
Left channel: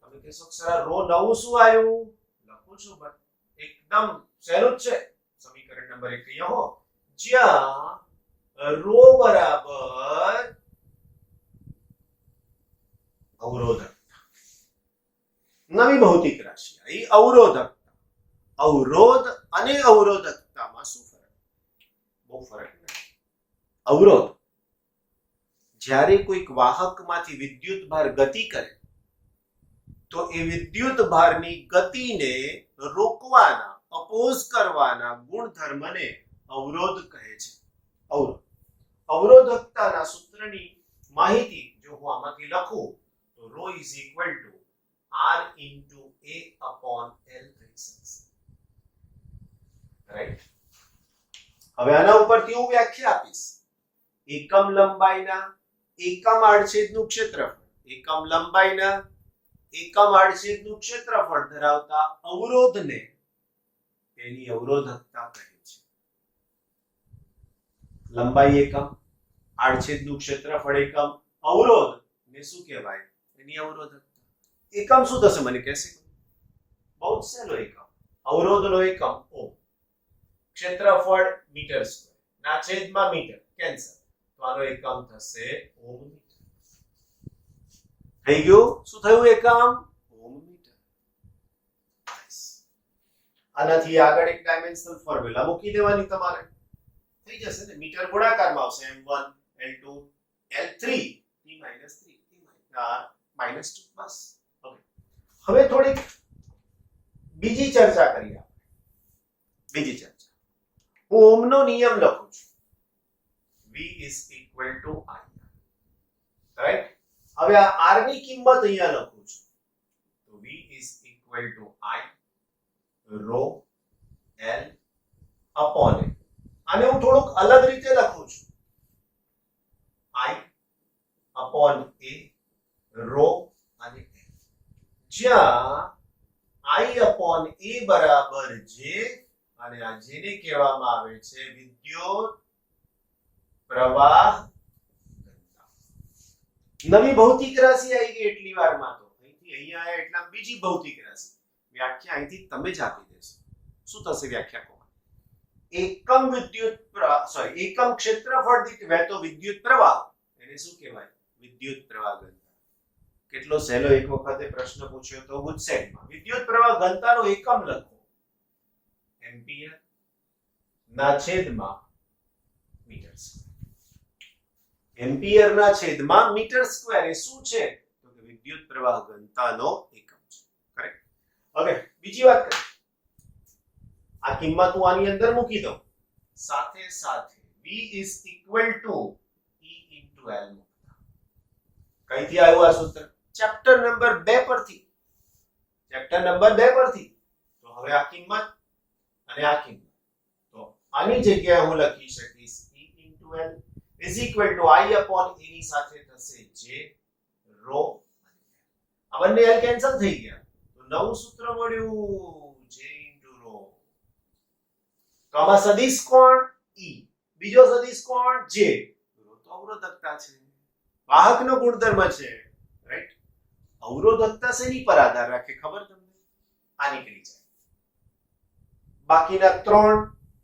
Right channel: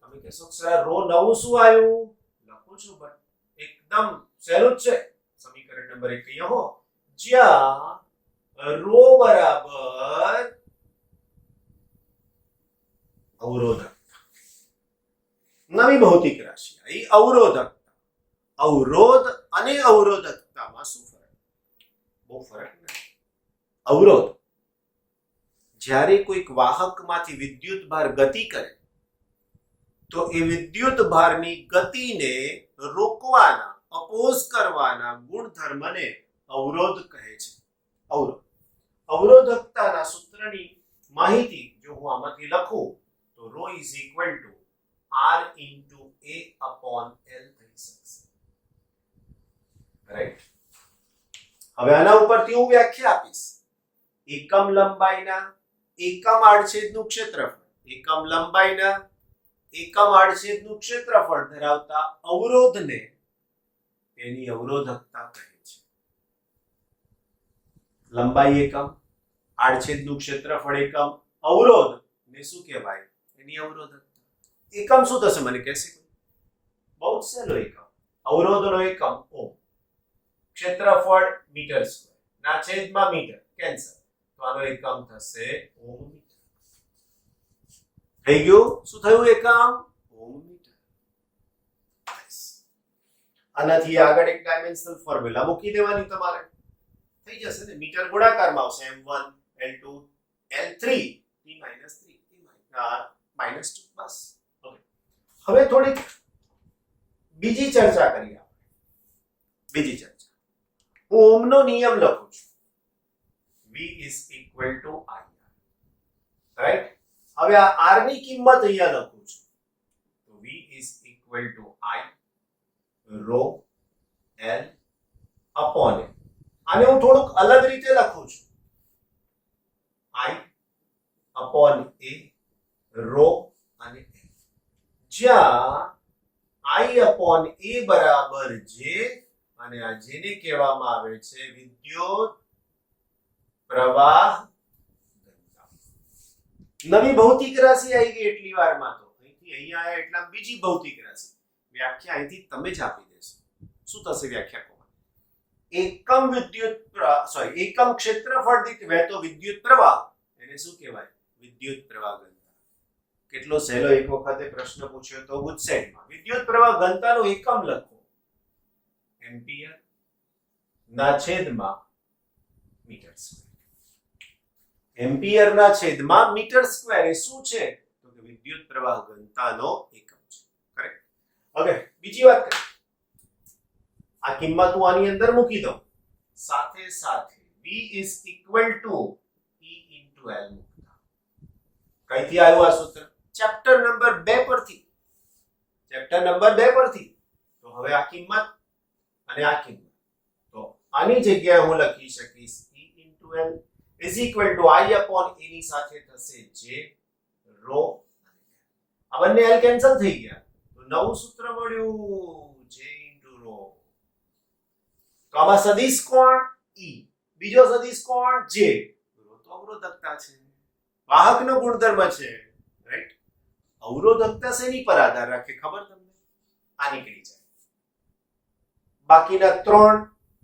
તમે કહેશો સર આ રો નવું શું આવ્યું? લખું છું બટ એકદમ સહેલું જ છે. સમીકરણ નંબર 1 અહીંયા હો, જ્યાં રો બરાબર અવરોધકતા. નવી ભૌતિક રાશિ આવી અવરોધકતા. અવરોધ અને અવરોધકતામાં શું ફરક? બહુ ફરક નથી. અવરોધ જ્યારે કોઈક વાહકમાંથી વિદ્યુત ભાર ગતિ કરે તો એ વિદ્યુત ભારની ગતિને રોકવાના, અપોઝ કરવાના ગુણધર્મને અવરોધ કહે છે. અવરોધ. અવરોધકતાના સૂત્રની માહિતી જો હું આમાંથી લખું તો rho is equal to r into a upon l થઈ શકશે. રાઈટ? હવે આના ઉપરથી હું વ્યાખ્યા આપીશ. એકમ લંબાઈના એકમ આડછેદનું ક્ષેત્રફળ, એકમ લંબાઈના એકમ આડછેદનું ક્ષેત્રફળ ધરાવતા અવરોધને તેની અવરોધકતા કહે છે. લંબાઈ એકમ, આડછેદનું ક્ષેત્રફળ એકમ, અવરોધ ને શું કહેવાય? એની અવરોધકતા. એકમ શું થશે મને કહેશે? બહુ સહેલો એકમ. અવરોધનો એકમ ઓમ, ક્ષેત્રફળ મીટર સ્ક્વેર, ના છેદમાં મીટર, કેન્સલ, તો આનો એકમ થશે ઓમ મીટર. થઈ ગયું? શું થયું? એકમ ઓમ મીટર. આનાથી આગળ એક ડાયમેન્શનલ ફોર્મ્યુલા મૂકી દેવાની તમારે. થઈ જશે ને? મીટર ગુણાકારમાં આવશે m1 l2 l3 t - 3 -2. બસ. ઓકે. હવે થોડીક બીજી ચર્ચા કરીએ આપણે. બીજી ચર્ચા. હું ઓમનો નિયમ લખું છું. v is equal to i. Right? હવે આ r ની કિંમત અહીંયા લખું છું. તો v is equal to i rho l upon a. આને હું થોડુંક અલગ રીતે લખું છું. i upon a rho અને l. જ્યાં i upon a બરાબર j અને આ જેને કહેવામાં આવે છે વિદ્યુત પ્રવાહ ઘનતા. નવી ભૌતિક રાશિ આવી ગઈ એટલી વારમાં તો અહીંથી અહીંયા આયા એટલે બીજી ભૌતિક રાશિ. વ્યાખ્યા અહીંથી તમે જ આપી દેશો. શું થશે વ્યાખ્યા? એકમ વિદ્યુત એકમ ક્ષેત્રફળ દીઠ વહેતો વિદ્યુત પ્રવાહ એને શું કહેવાય? વિદ્યુત પ્રવાહ ઘનતા. કેટલો સહેલો. એક વખતે પ્રશ્ન પૂછ્યો તો ગુજસેટમાં. વિદ્યુત પ્રવાહ ઘનતાનો એકમ લખો. એમ્પિયર ના છેદમાં મીટર સ્ક્વેર. એમ્પિયર ના છેદમાં મીટર સ્ક્વેર એ શું છે? તો કે વિદ્યુત પ્રવાહ ઘનતાનો એકમ છે. કરેક્ટ? ઓકે. બીજી વાત કરીએ. આ કિંમત હું આની અંદર મૂકી દઉં. સાથે સાથે v is equal to e into l મૂકતા. કઈથી આવ્યું આ સૂત્ર? ચેપ્ટર નંબર 2 પરથી. ચેપ્ટર નંબર 2 પરથી. તો હવે આ કિંમત અને આ કિંમત, તો આની જગ્યાએ હું લખી શકીશ e into l is equal to i upon a ની સાથે થશે j rho. આ બંને l કેન્સલ થઈ ગયા તો નવું સૂત્ર મળ્યું j into rho. તો આમાં સદિશ કોણ? e, બીજો સદિશ કોણ? j. rho તો અવરોધકતા છે, વાહકનો ગુણધર્મ છે. રાઈટ? અવરોધકતા શેની પર આધાર રાખે ખબર તમને? આ નીકળી જાય. બાકીના 3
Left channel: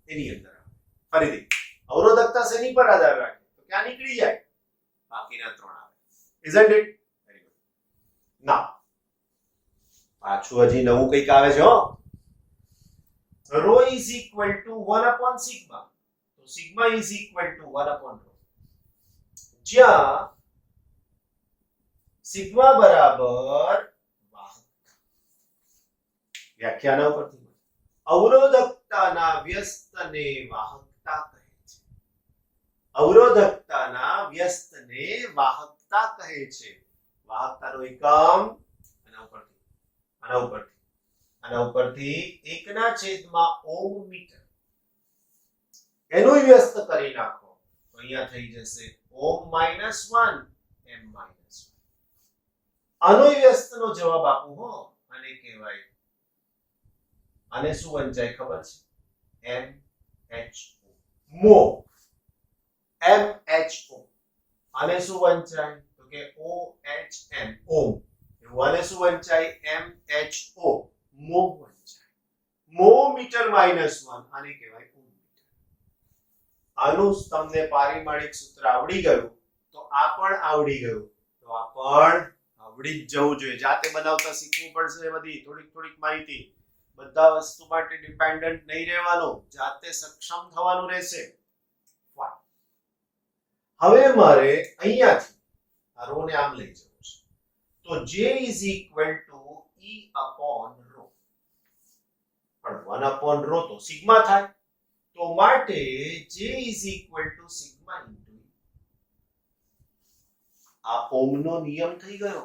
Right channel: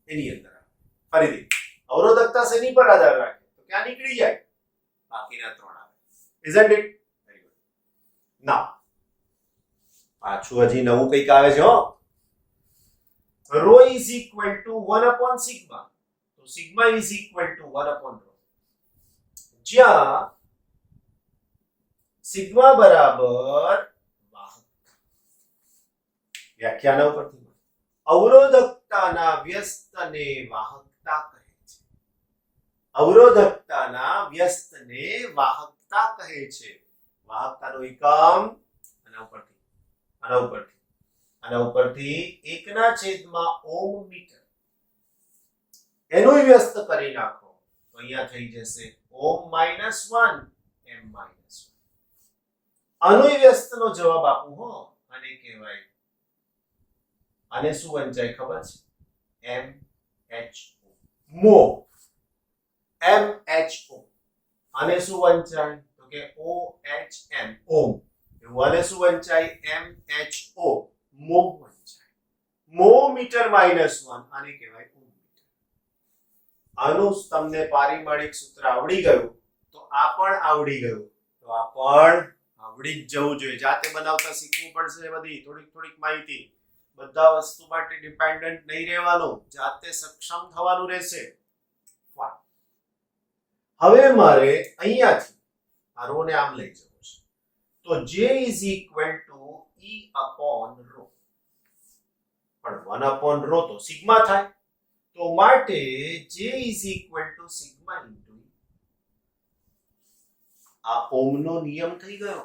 એની અંદર આવે. ફરીથી અવરોધકતા શેની પર આધાર રાખે? તો ક્યાં નીકળી જાય? બાકીના 3 આવે. isn't it? Very good. નાઉ પાછું હજી નવું કંઈક આવે છે હો. rho is equal to 1 upon sigma. તો sigma is equal to 1 upon rho. જ્યાં sigma બરાબર વાહકતા. વ્યાખ્યાના ઉપરથી અવરોધકતાના વ્યસ્તને વાહકતા કહે છે. અવરોધકતાના વ્યસ્તને વાહકતા કહે છે. વાહકતાનો એકમ આના ઉપરથી 1/, ઓમ મીટર. એનું વ્યસ્ત કરી નાખો તો અહીંયા થઈ જશે ઓમ -1 એમ -1. આનો વ્યસ્તનો જવાબ આપું હો, આને કહેવાય, આને શું વંચાય ખબર છે? MHO, મો. MHO. આને શું વંચાય? તો કે OHM, ઓમ. એવું આને શું વંચાય? MHO, મો વંચાય. મો મીટર -1, આને કહેવાય ઓમ મીટર. આનું તમને પારિમાણિક સૂત્ર આવડી ગયું તો આ પણ આવડી ગયું, તો આ પણ આવડી જ જવું જોઈએ. જાતે બનાવતા શીખવું પડશે. બધી થોડીક માહિતી, બધા વસ્તુ માટે ડિપેન્ડન્ટ નહીં રહેવાનું, જાતે સક્ષમ થવાનું રહેશે. હવે મારે અહીંયાથી આ રો ને આમ લઈ જવું છે, તો J is equal to E upon rho. પણ 1 upon rho તો સિગ્મા થાય, તો માટે J is equal to sigma into E. આ ઓહમનો નિયમ થઈ ગયો,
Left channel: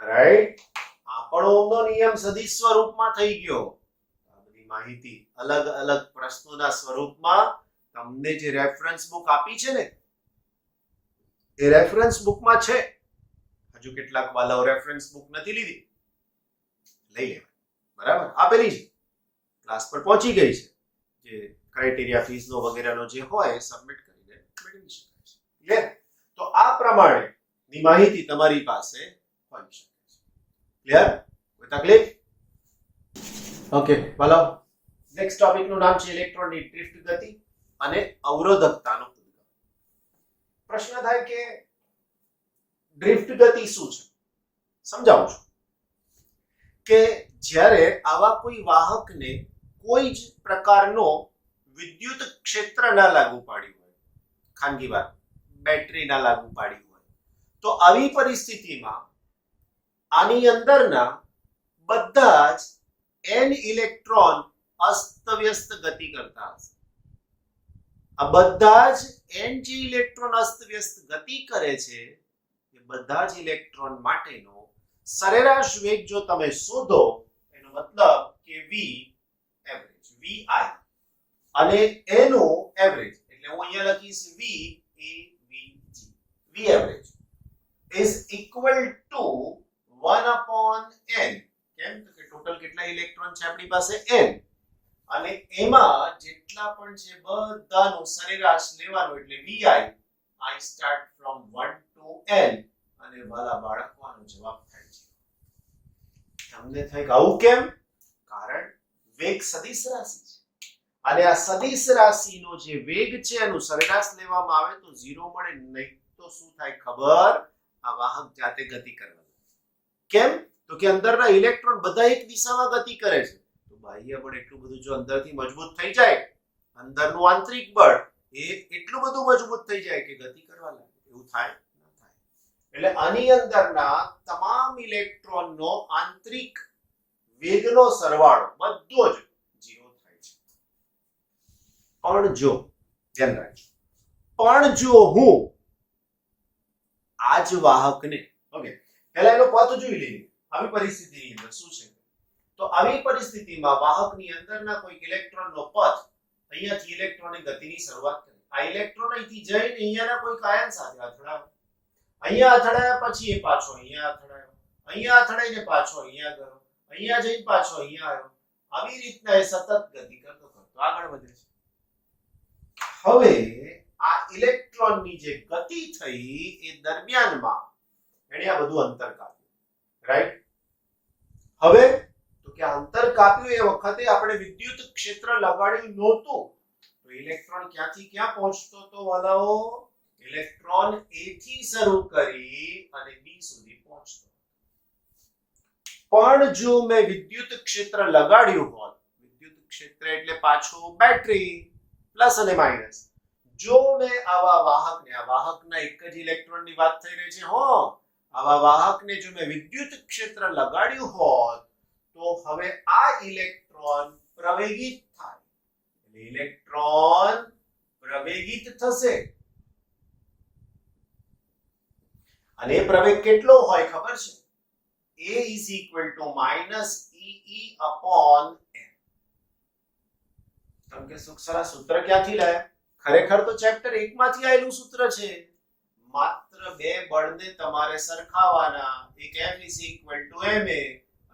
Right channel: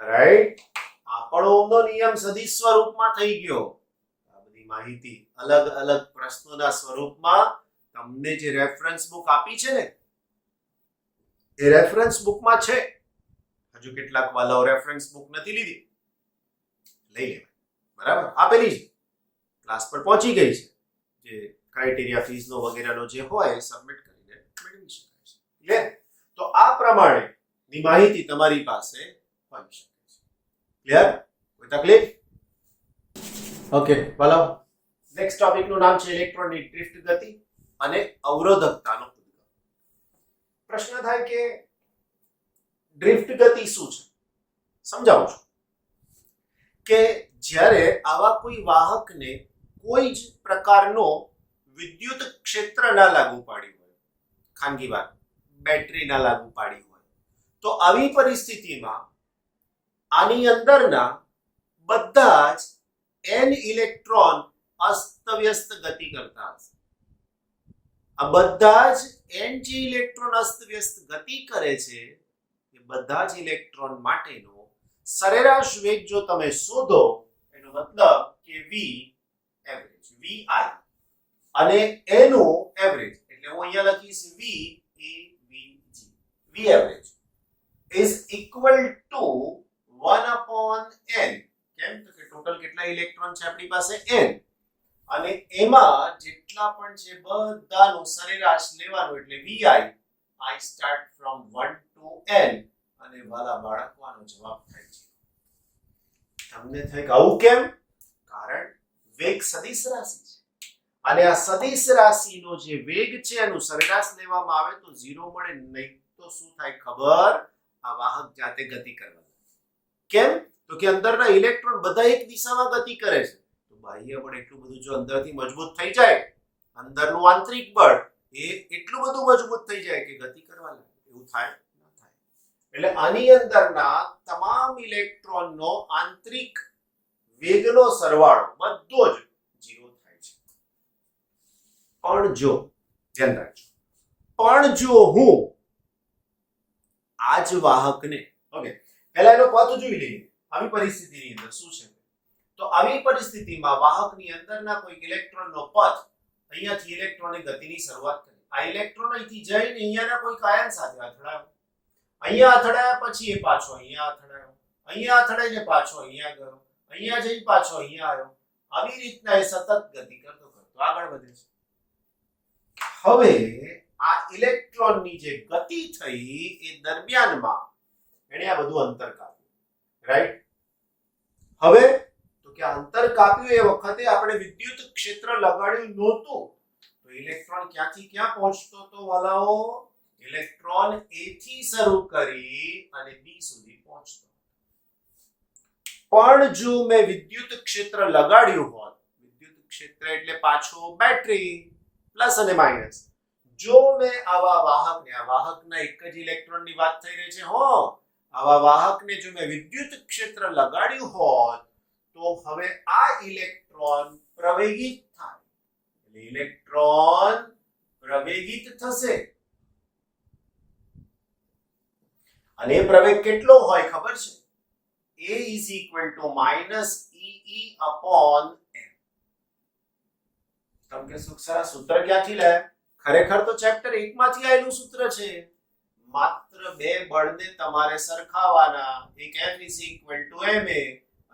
રાઈટ? આ પણ ઓહમનો નિયમ સદિશ સ્વરૂપમાં થઈ ગયો. આ બધી માહિતી અલગ અલગ પ્રશ્નોના સ્વરૂપમાં તમને જે રેફરન્સ બુક આપી છે ને, એ રેફરન્સ બુકમાં છે. હજુ કેટલાક વાલાઓ રેફરન્સ બુક નથી લીધી, લઈ લેવાય, બરાબર? આપેલી છે, ક્લાસ પર પહોંચી ગઈ છે. જે ક્રાઇટેરિયા ફીસનો વગેરેનો જે હોય સબમિટ કરીને મેળવી શકાય છે. ક્લિયર? તો આ પ્રમાણેની માહિતી તમારી પાસે હોઈ શકે છે. ક્લિયર? કોઈ તકલીફ? ઓકે, વાલાઓ, નેક્સ્ટ ટોપિકનું નામ છે ઇલેક્ટ્રોનની ડ્રિફ્ટ ગતિ અને અવરોધકતાનો ઉદ્ગમ. પ્રશ્ન થાય કે ડ્રિફ્ટ ગતિ શું છે? સમજાવું છું કે જ્યારે આવા કોઈ વાહકને કોઈ જ પ્રકારનો વિદ્યુત ક્ષેત્ર ના લાગુ પાડ્યું હોય, ખાનગી વાત, બેટરી ના લાગુ પાડી હોય, તો આવી પરિસ્થિતિમાં આની અંદરના બધા જ n ઇલેક્ટ્રોન અસ્તવ્યસ્ત ગતિ કરતા હશે. આ બધા જ n જે ઇલેક્ટ્રોન અસ્તવ્યસ્ત ગતિ કરે છે, એ બધા જ ઇલેક્ટ્રોન માટેનો સરેરાશ વેગ જો તમે શોધો, એનો મતલબ કે v એવરેજ, vi, અને એનું એવરેજ, એટલે હું અહીંયા લખીશ v avg, v average is equal to 1 upon n. કેમ? તો કે ટોટલ કેટલા ઇલેક્ટ્રોન છે આપણી પાસે? n. અને એમાં જેટલા પણ છે બધાનું સરેરાશ લેવાનું, એટલે vi, I start from 1 to n, અને વાલા બાળકોનો જવાબ થાય છે. તમને થાય કે આવું કેમ? કારણ વેગ સદિશ રાશિ છે, અને આ સદિશ રાશિનો જે વેગ છે એનું સરેરાશ લેવામાં આવે તો 0 મળે, નહીં તો શું થાય ખબર? આ વાહક જાતે ગતિ કરવા લાગે. કેમ? તો કે અંદરના ઇલેક્ટ્રોન બધા એક દિશામાં ગતિ કરે છે, તો બાહ્ય બળ એટલું બધું જો અંદરથી મજબૂત થઈ જાય, અંદરનું આંતરિક બળ એ એટલું બધું મજબૂત થઈ જાય કે ગતિ કરવા લાગે. એવું થાય? ના થાય. એટલે આની અંદરના તમામ ઇલેક્ટ્રોનનો આંતરિક વેગનો સરવાળો બધો જ 0 થાય છે. પણ જો, ધ્યાન રાખજો, પણ જો હું આ જ વાહકને, ઓકે, પહેલા એનો પથ જોઈ લઈએ. આવી પરિસ્થિતિની અંદર શું છે? તો આવી પરિસ્થિતિમાં વાહકની અંદરના કોઈ ઇલેક્ટ્રોનનો પથ અહીંયાથી ઇલેક્ટ્રોનની ગતિની શરૂઆત કરે. આ ઇલેક્ટ્રોન અહીંથી જઈને અહીંયાના કોઈ આયન સાથે અથડાયો, અહીંયા અથડાયા પછી એ પાછો અહીંયા અથડાયો, અહીંયા અથડાઈને પાછો અહીંયા ગયો, અહીંયા જઈને પાછો અહીંયા આવ્યો. આવી રીતના એ સતત ગતિ કરતો આગળ વધે છે. હવે આ ઇલેક્ટ્રોનની જે ગતિ થઈ એ દરમિયાનમાં એને આ બધું અંતર કાપ્યું, રાઈટ? હવે તો કે અંતર કાપ્યું એ વખતે આપણે વિદ્યુત ક્ષેત્ર લગાડ્યું નહોતું, તો ઇલેક્ટ્રોન ક્યાંથી ક્યાં પહોંચતો તો વાલાઓ? ઇલેક્ટ્રોન A થી શરૂ કરી અને B સુધી પહોંચતો. પણ જો મેં વિદ્યુત ક્ષેત્ર લગાડ્યું હોત, વિદ્યુત ક્ષેત્ર એટલે પાછું બેટરી, પ્લસ અને માઇનસ, જો મેં આવા વાહકને, આ વાહકના એક જ ઇલેક્ટ્રોનની વાત થઈ રહી છે, હો, આવા વાહકને જો મેં વિદ્યુત ક્ષેત્ર લગાડ્યું હોત, તો હવે આ ઇલેક્ટ્રોન પ્રવેગિત થાય. એટલે ઇલેક્ટ્રોન પ્રવેગિત થશે, અને એ પ્રવેગ કેટલો હોય ખબર છે? A is equal to -EE upon m. તમે કે સરસ સૂત્ર ક્યાંથી લાયા? ખરેખર તો ચેપ્ટર 1 માંથી આવેલું સૂત્ર છે. માત્ર બે બળને તમારે સરખાવવાના. એક F = ma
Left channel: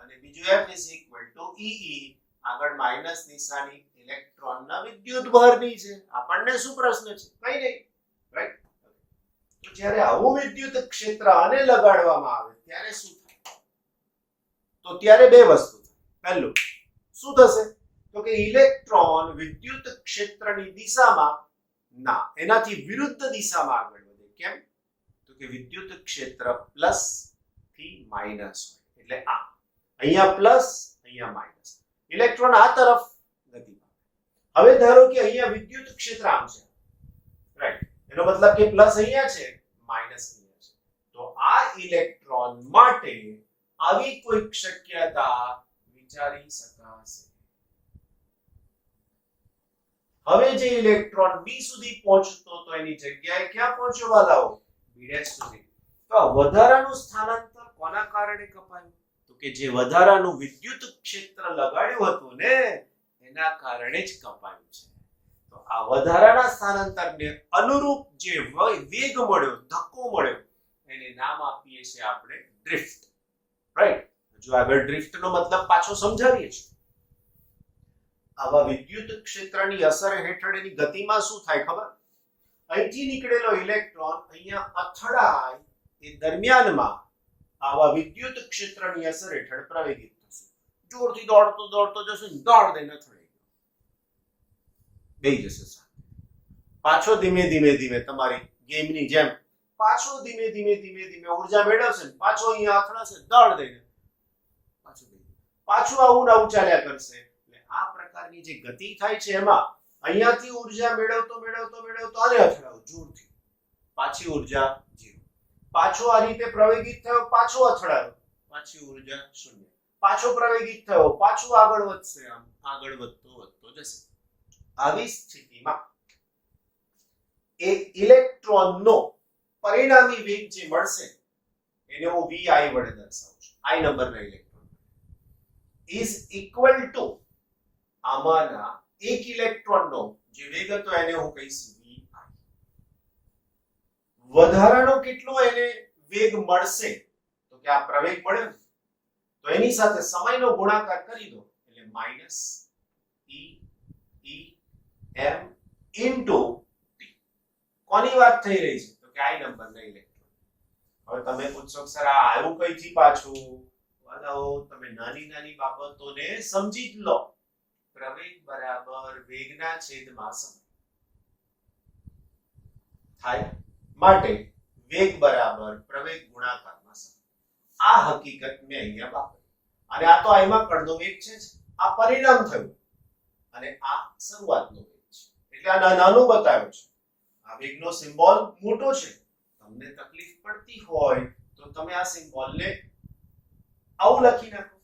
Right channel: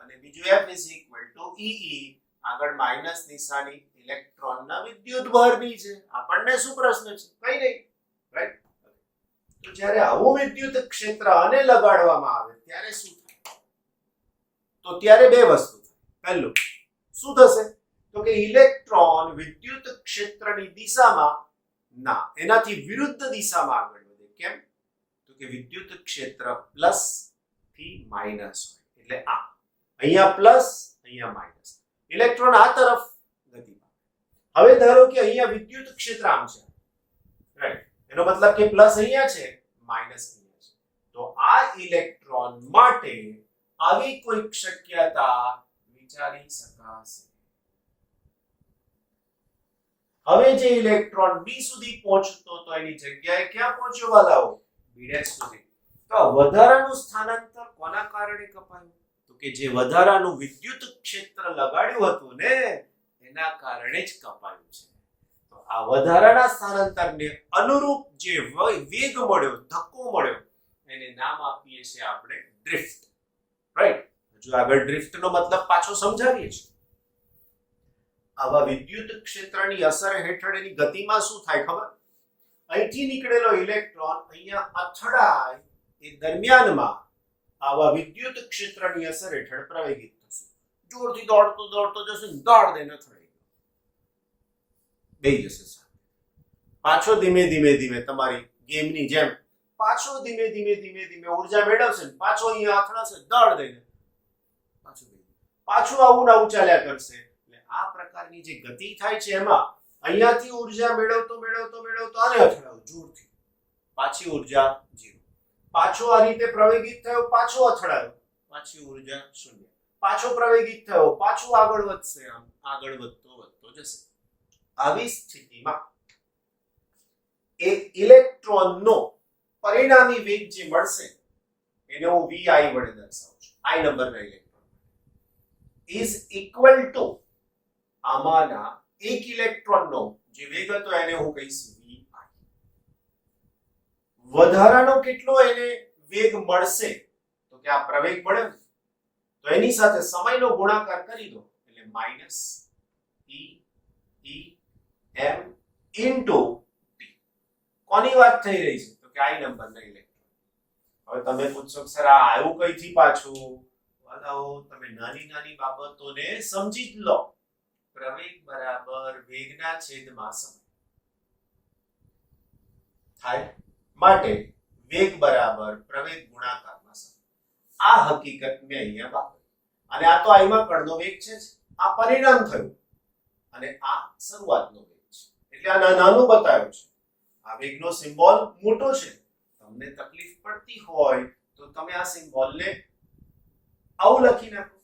અને બીજું F = EE. આગળ માઈનસ નિશાની ઇલેક્ટ્રોનના વિદ્યુતભારની છે. આપણને શું પ્રશ્ન છે? કઈ નહીં, રાઈટ? તો જ્યારે આવું વિદ્યુત ક્ષેત્ર આને લગાડવામાં આવે ત્યારે શું થાય? તો ત્યારે બે વસ્તુ થાય. પહેલું શું થશે? તો કે ઇલેક્ટ્રોન વિદ્યુત ક્ષેત્રની દિશામાં ના, એનાથી વિરુદ્ધ દિશામાં આગળ વધે. કેમ? તો કે વિદ્યુત ક્ષેત્ર પ્લસ થી માઈનસ હોય. એટલે આ અહીંયા પ્લસ, અહીંયા માઈનસ. ઇલેક્ટ્રોન આ તરફ ગતિ પામે. હવે ધારો કે અહીંયા વિદ્યુત ક્ષેત્ર આમ છે, રાઈટ? એનો મતલબ કે પ્લસ અહીંયા છે, માઈનસ અહીંયા છે. તો આ ઇલેક્ટ્રોન માટે આવી કોઈ શક્યતા વિચારી શકાશે. હવે જે ઇલેક્ટ્રોન બી સુધી પહોંચતો તો એની જગ્યાએ ક્યાં પહોંચ્યો વાલાઓ? બી' સુધી. તો આ વધારાનું સ્થાનાંતર કોના કારણે કપાયું? તો કે જે વધારાનું વિદ્યુત ક્ષેત્ર લગાડ્યું હતું ને એના કારણે જ કપાયું છે. તો આ વધારાના સ્થાનાંતરને અનુરૂપ જે વેગ મળ્યો, ધક્કો મળ્યો, એને નામ આપીએ છીએ આપણે ડ્રિફ્ટ, રાઈટ? જો આગળ ડ્રિફ્ટ નો મતલબ પાછો સમજાવીએ છીએ. આવા વિદ્યુત ક્ષેત્રની અસર હેઠળ એની ગતિમાં શું થાય ખબર? અહીંથી નીકળેલો ઇલેક્ટ્રોન અહીંયા અથડાય એ દરમિયાનમાં આવા વિદ્યુત ક્ષેત્રની અસર હેઠળ પ્રવેગિત થશે. જોરથી દોડતો દોડતો જશે, દોડ દઈને અથડાઈ ગયો, બેહી જશે સાથે. પાછો ધીમે ધીમે ધીમે તમારી ગેમની જેમ પાછો ધીમે ધીમે ધીમે ધીમે ઉર્જા મેળવશે, પાછો અહીંયા અથડાશે, દોડ દઈને પાછું આવું ને આવું ચાલ્યા કરશે. આ પ્રકારની જે ગતિ થાય છે એમાં અહીંયાથી ઉર્જા મેળવતો મેળવતો મેળવતો આને અથડાવ જોરથી, પાછી ઉર્જા 0. પાછો આ રીતે પ્રવેગિત થયો, પાછો અથડાયો, પાછી ઉર્જા 0. પાછો પ્રવેગિત થયો, પાછું આગળ વધશે, આમ આગળ વધતો વધતો જશે. આવી સ્થિતિમાં એ ઇલેક્ટ્રોનનો પરિણામી વેગ જે મળશે એને હું vi વડે દર્શાવું છું. I નંબરના ઇલેક્ટ્રોન is equal to આમાંના એક ઇલેક્ટ્રોનનો જે વેગ હતો એને હું કહીશ vi. વધારાનો કેટલો એને વેગ મળશે? તો કે આ પ્રવેગ મળ્યો તો એની સાથે સમયનો ગુણાકાર કરી દો એટલે minus e m into t. કોની વાત થઈ રહી છે? તો કે I નંબરના ઇલેક્ટ્રોન. હવે તમે પૂછશો સર આ આવ્યું કઈથી પાછું? વાલાઓ તમે નાની નાની બાબતોને સમજી જ લો. પ્રવેગ બરાબર વેગના છેદમાં સમય થાય માટે વેગ બરાબર પ્રવેગ ગુણાકારમાં સમય. આ હકીકત મેં અહીંયા વાપરી અને આ તો આઈમાં કણનો વેગ છે જ. આ પરિણામ થયું અને આ શરૂઆતનો વેગ છે એટલે આ નાનું બતાવ્યું છે. આ વેગનો સિમ્બોલ મોટો છે. તમને તકલીફ પડતી હોય તો તમે આ સિમ્બોલને આવું લખી નાખો.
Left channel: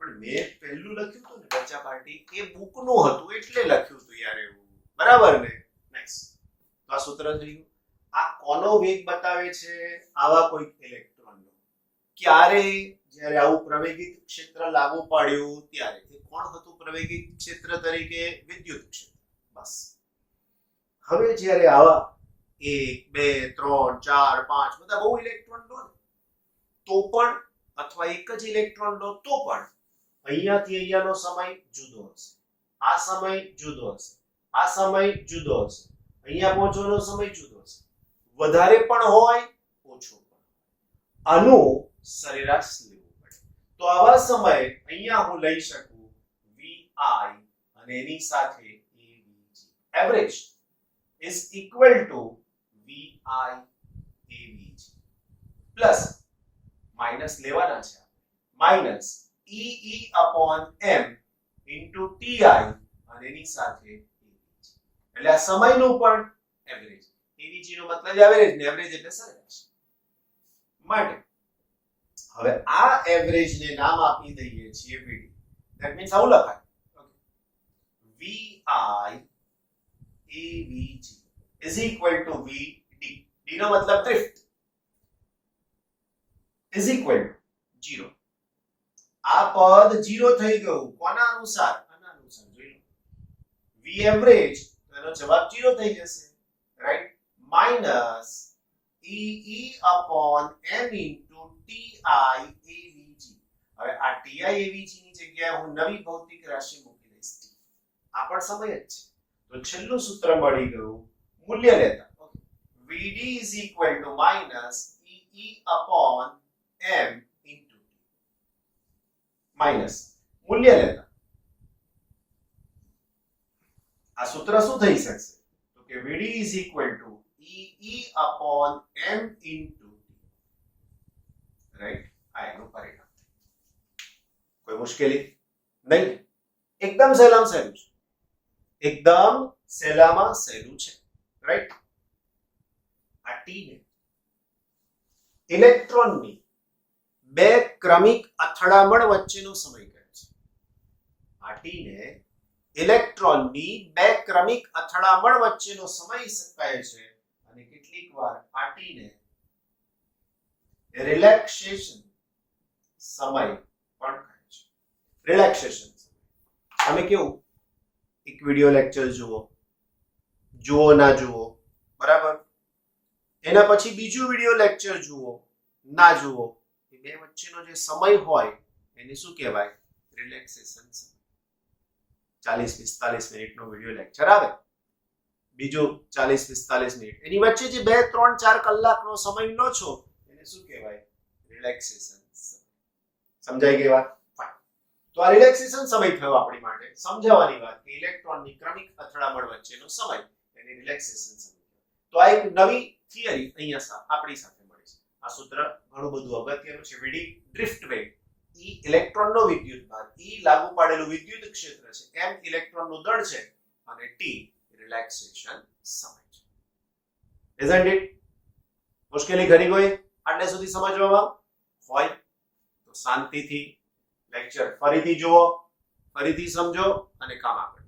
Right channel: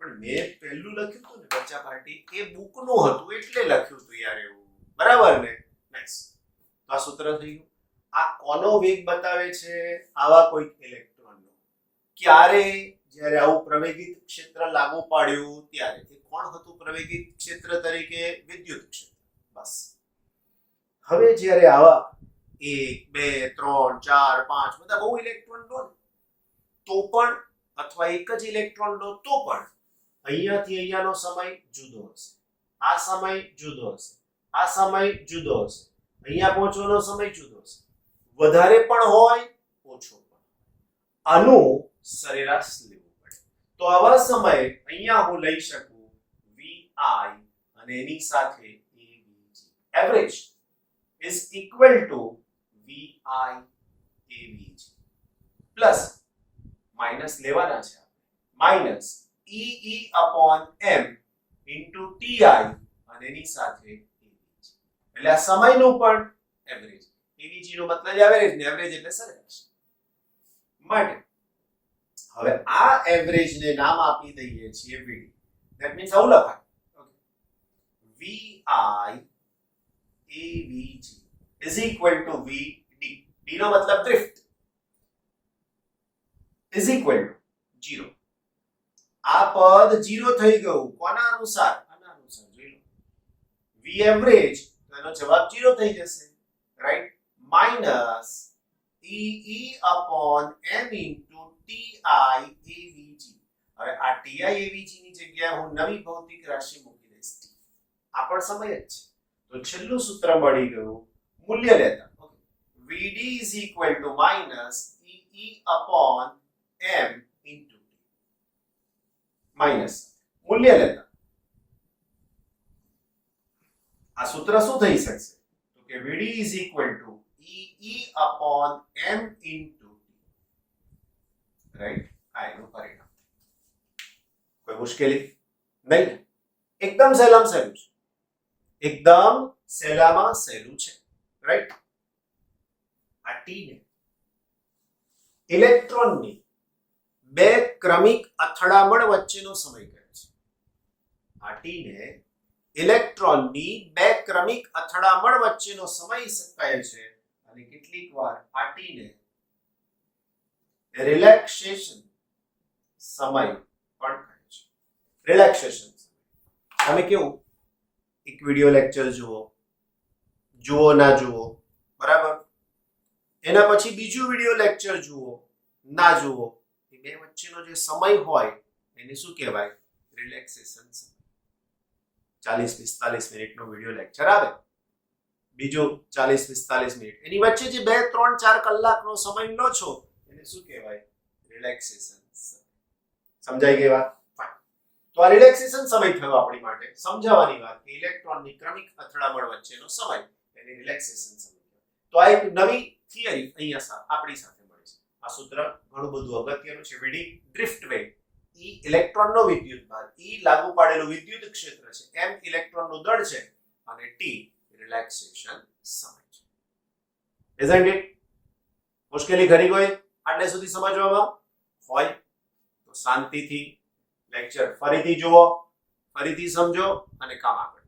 પણ મેં પહેલું લખ્યું હતું ને બચ્ચા પાર્ટી એ બુકનું હતું એટલે લખ્યું હતું યાર એવું, બરાબર ને? નેક્સ્ટ આ સૂત્ર થઈ ગયું. આ કોનો વેગ બતાવે છે? આવા કોઈ ઇલેક્ટ્રોનનો. ક્યારે? જ્યારે આવું પ્રવેગિત ક્ષેત્ર લાગુ પાડ્યું ત્યારે. એ કોણ હતું પ્રવેગિત ક્ષેત્ર તરીકે? વિદ્યુત ક્ષેત્ર. બસ. હવે જ્યારે આવા 1 2 3 4 5 બધા બહુ ઇલેક્ટ્રોન લો તો પણ અથવા એક જ ઇલેક્ટ્રોન લો તો પણ અહીંયાથી અહીંયાનો સમય જુદો હશે, આ સમય જુદો હશે, આ સમય જુદો હશે, અહીંયા પહોંચવાનો સમય જુદો હશે. વધારે પણ હોય, ઓછો પણ. આનું સરેરાશ લેવું પડે. તો આવા સમયે અહીંયા હું લઈ શકું vi અને એની સાથે avg. Average is equal to vi avg plus minus લેવાના છે minus EE upon m into TI અને એની સાથે AVG. એટલે આ સમયનું પણ એવરેજ. AVG નો મતલબ એવરેજ ને એવરેજ એટલે સરેરાશ. માટે હવે આ એવરેજ ને નામ આપી દઈએ છીએ VD. ધેટ મીન્સ આવું લખાય VI AVG is equal to VD. D નો મતલબ ડ્રિફ્ટ is equal to 0. આ પદ 0 થઈ ગયું. કોના અનુસાર? આના અનુસાર જોઈ લો. V એવરેજ એનો જવાબ 0 થઈ જશે. Right, minus E upon m into TIAVG. હવે આ TIAVG ની જગ્યાએ હું નવી ભૌતિક રાશિ મૂકી દઈશ T. આ પણ સમય જ છે. તો છેલ્લું સૂત્ર મળી ગયું મૂલ્ય લેતા. Okay, VD is equal to minus E upon m into T. Minus મૂલ્ય લેતા આ સૂત્ર શું થઈ શકશે? તો કે VD is equal to E upon m into T. Right, આ એનું પરિણામ. કોઈ મુશ્કેલી નહીં, એકદમ સહેલામાં સહેલું છે, એકદમ સહેલામાં સહેલું છે. રાઈટ, આ ટી ને ઇલેક્ટ્રોનની બે ક્રમિક અથડામણ વચ્ચેનો સમય કહે છે. આ ટી ને ઇલેક્ટ્રોનની બે ક્રમિક અથડામણ વચ્ચેનો સમય કહે છે. અને કેટલીક વાર આ ટી ને રિલેક્સેશન સમય પણ કહે છે. રિલેક્સેશન સમય. તમે કેવું એક વિડિયો લેક્ચર જુઓ ના જુઓ, બરાબર, એના પછી બીજું વિડિયો લેક્ચર જુઓ ના જુઓ, એ બે વચ્ચેનો જે સમય હોય એને શું કહેવાય? રિલેક્સેશન સમય. 40-45 મિનિટનો વિડિયો લેક્ચર આવે, બીજો 40-45 મિનિટ, એની વચ્ચે જે 2-3-4 કલાકનો સમય લો છો એને શું કહેવાય? રિલેક્સેશન સમય. સમજાઈ ગઈ વાત? તો આ રિલેક્સેશન સમય થયો આપણી માટે સમજાવવાની વાત કે ઇલેક્ટ્રોનની ક્રમિક અથડામણ વચ્ચેનો સમય એને રિલેક્સેશન સમય. તો આ એક નવી થિયરી અહીંયા આપણી સાથે મળી છે. આ સૂત્ર ઘણું બધું અગત્યનું છે. VD ડ્રિફ્ટ વેગ, E ઇલેક્ટ્રોનનો વિદ્યુત ભાર, E લાગુ પાડેલું વિદ્યુત ક્ષેત્ર છે, M ઇલેક્ટ્રોનનું દળ છે અને T રિલેક્સેશન સમય છે. isn't it? મુશ્કેલી ઘણી કોઈ આટલે સુધી સમજવામાં હોય તો શાંતિથી લેક્ચર ફરીથી જુઓ, ફરીથી સમજો અને કામ આગળ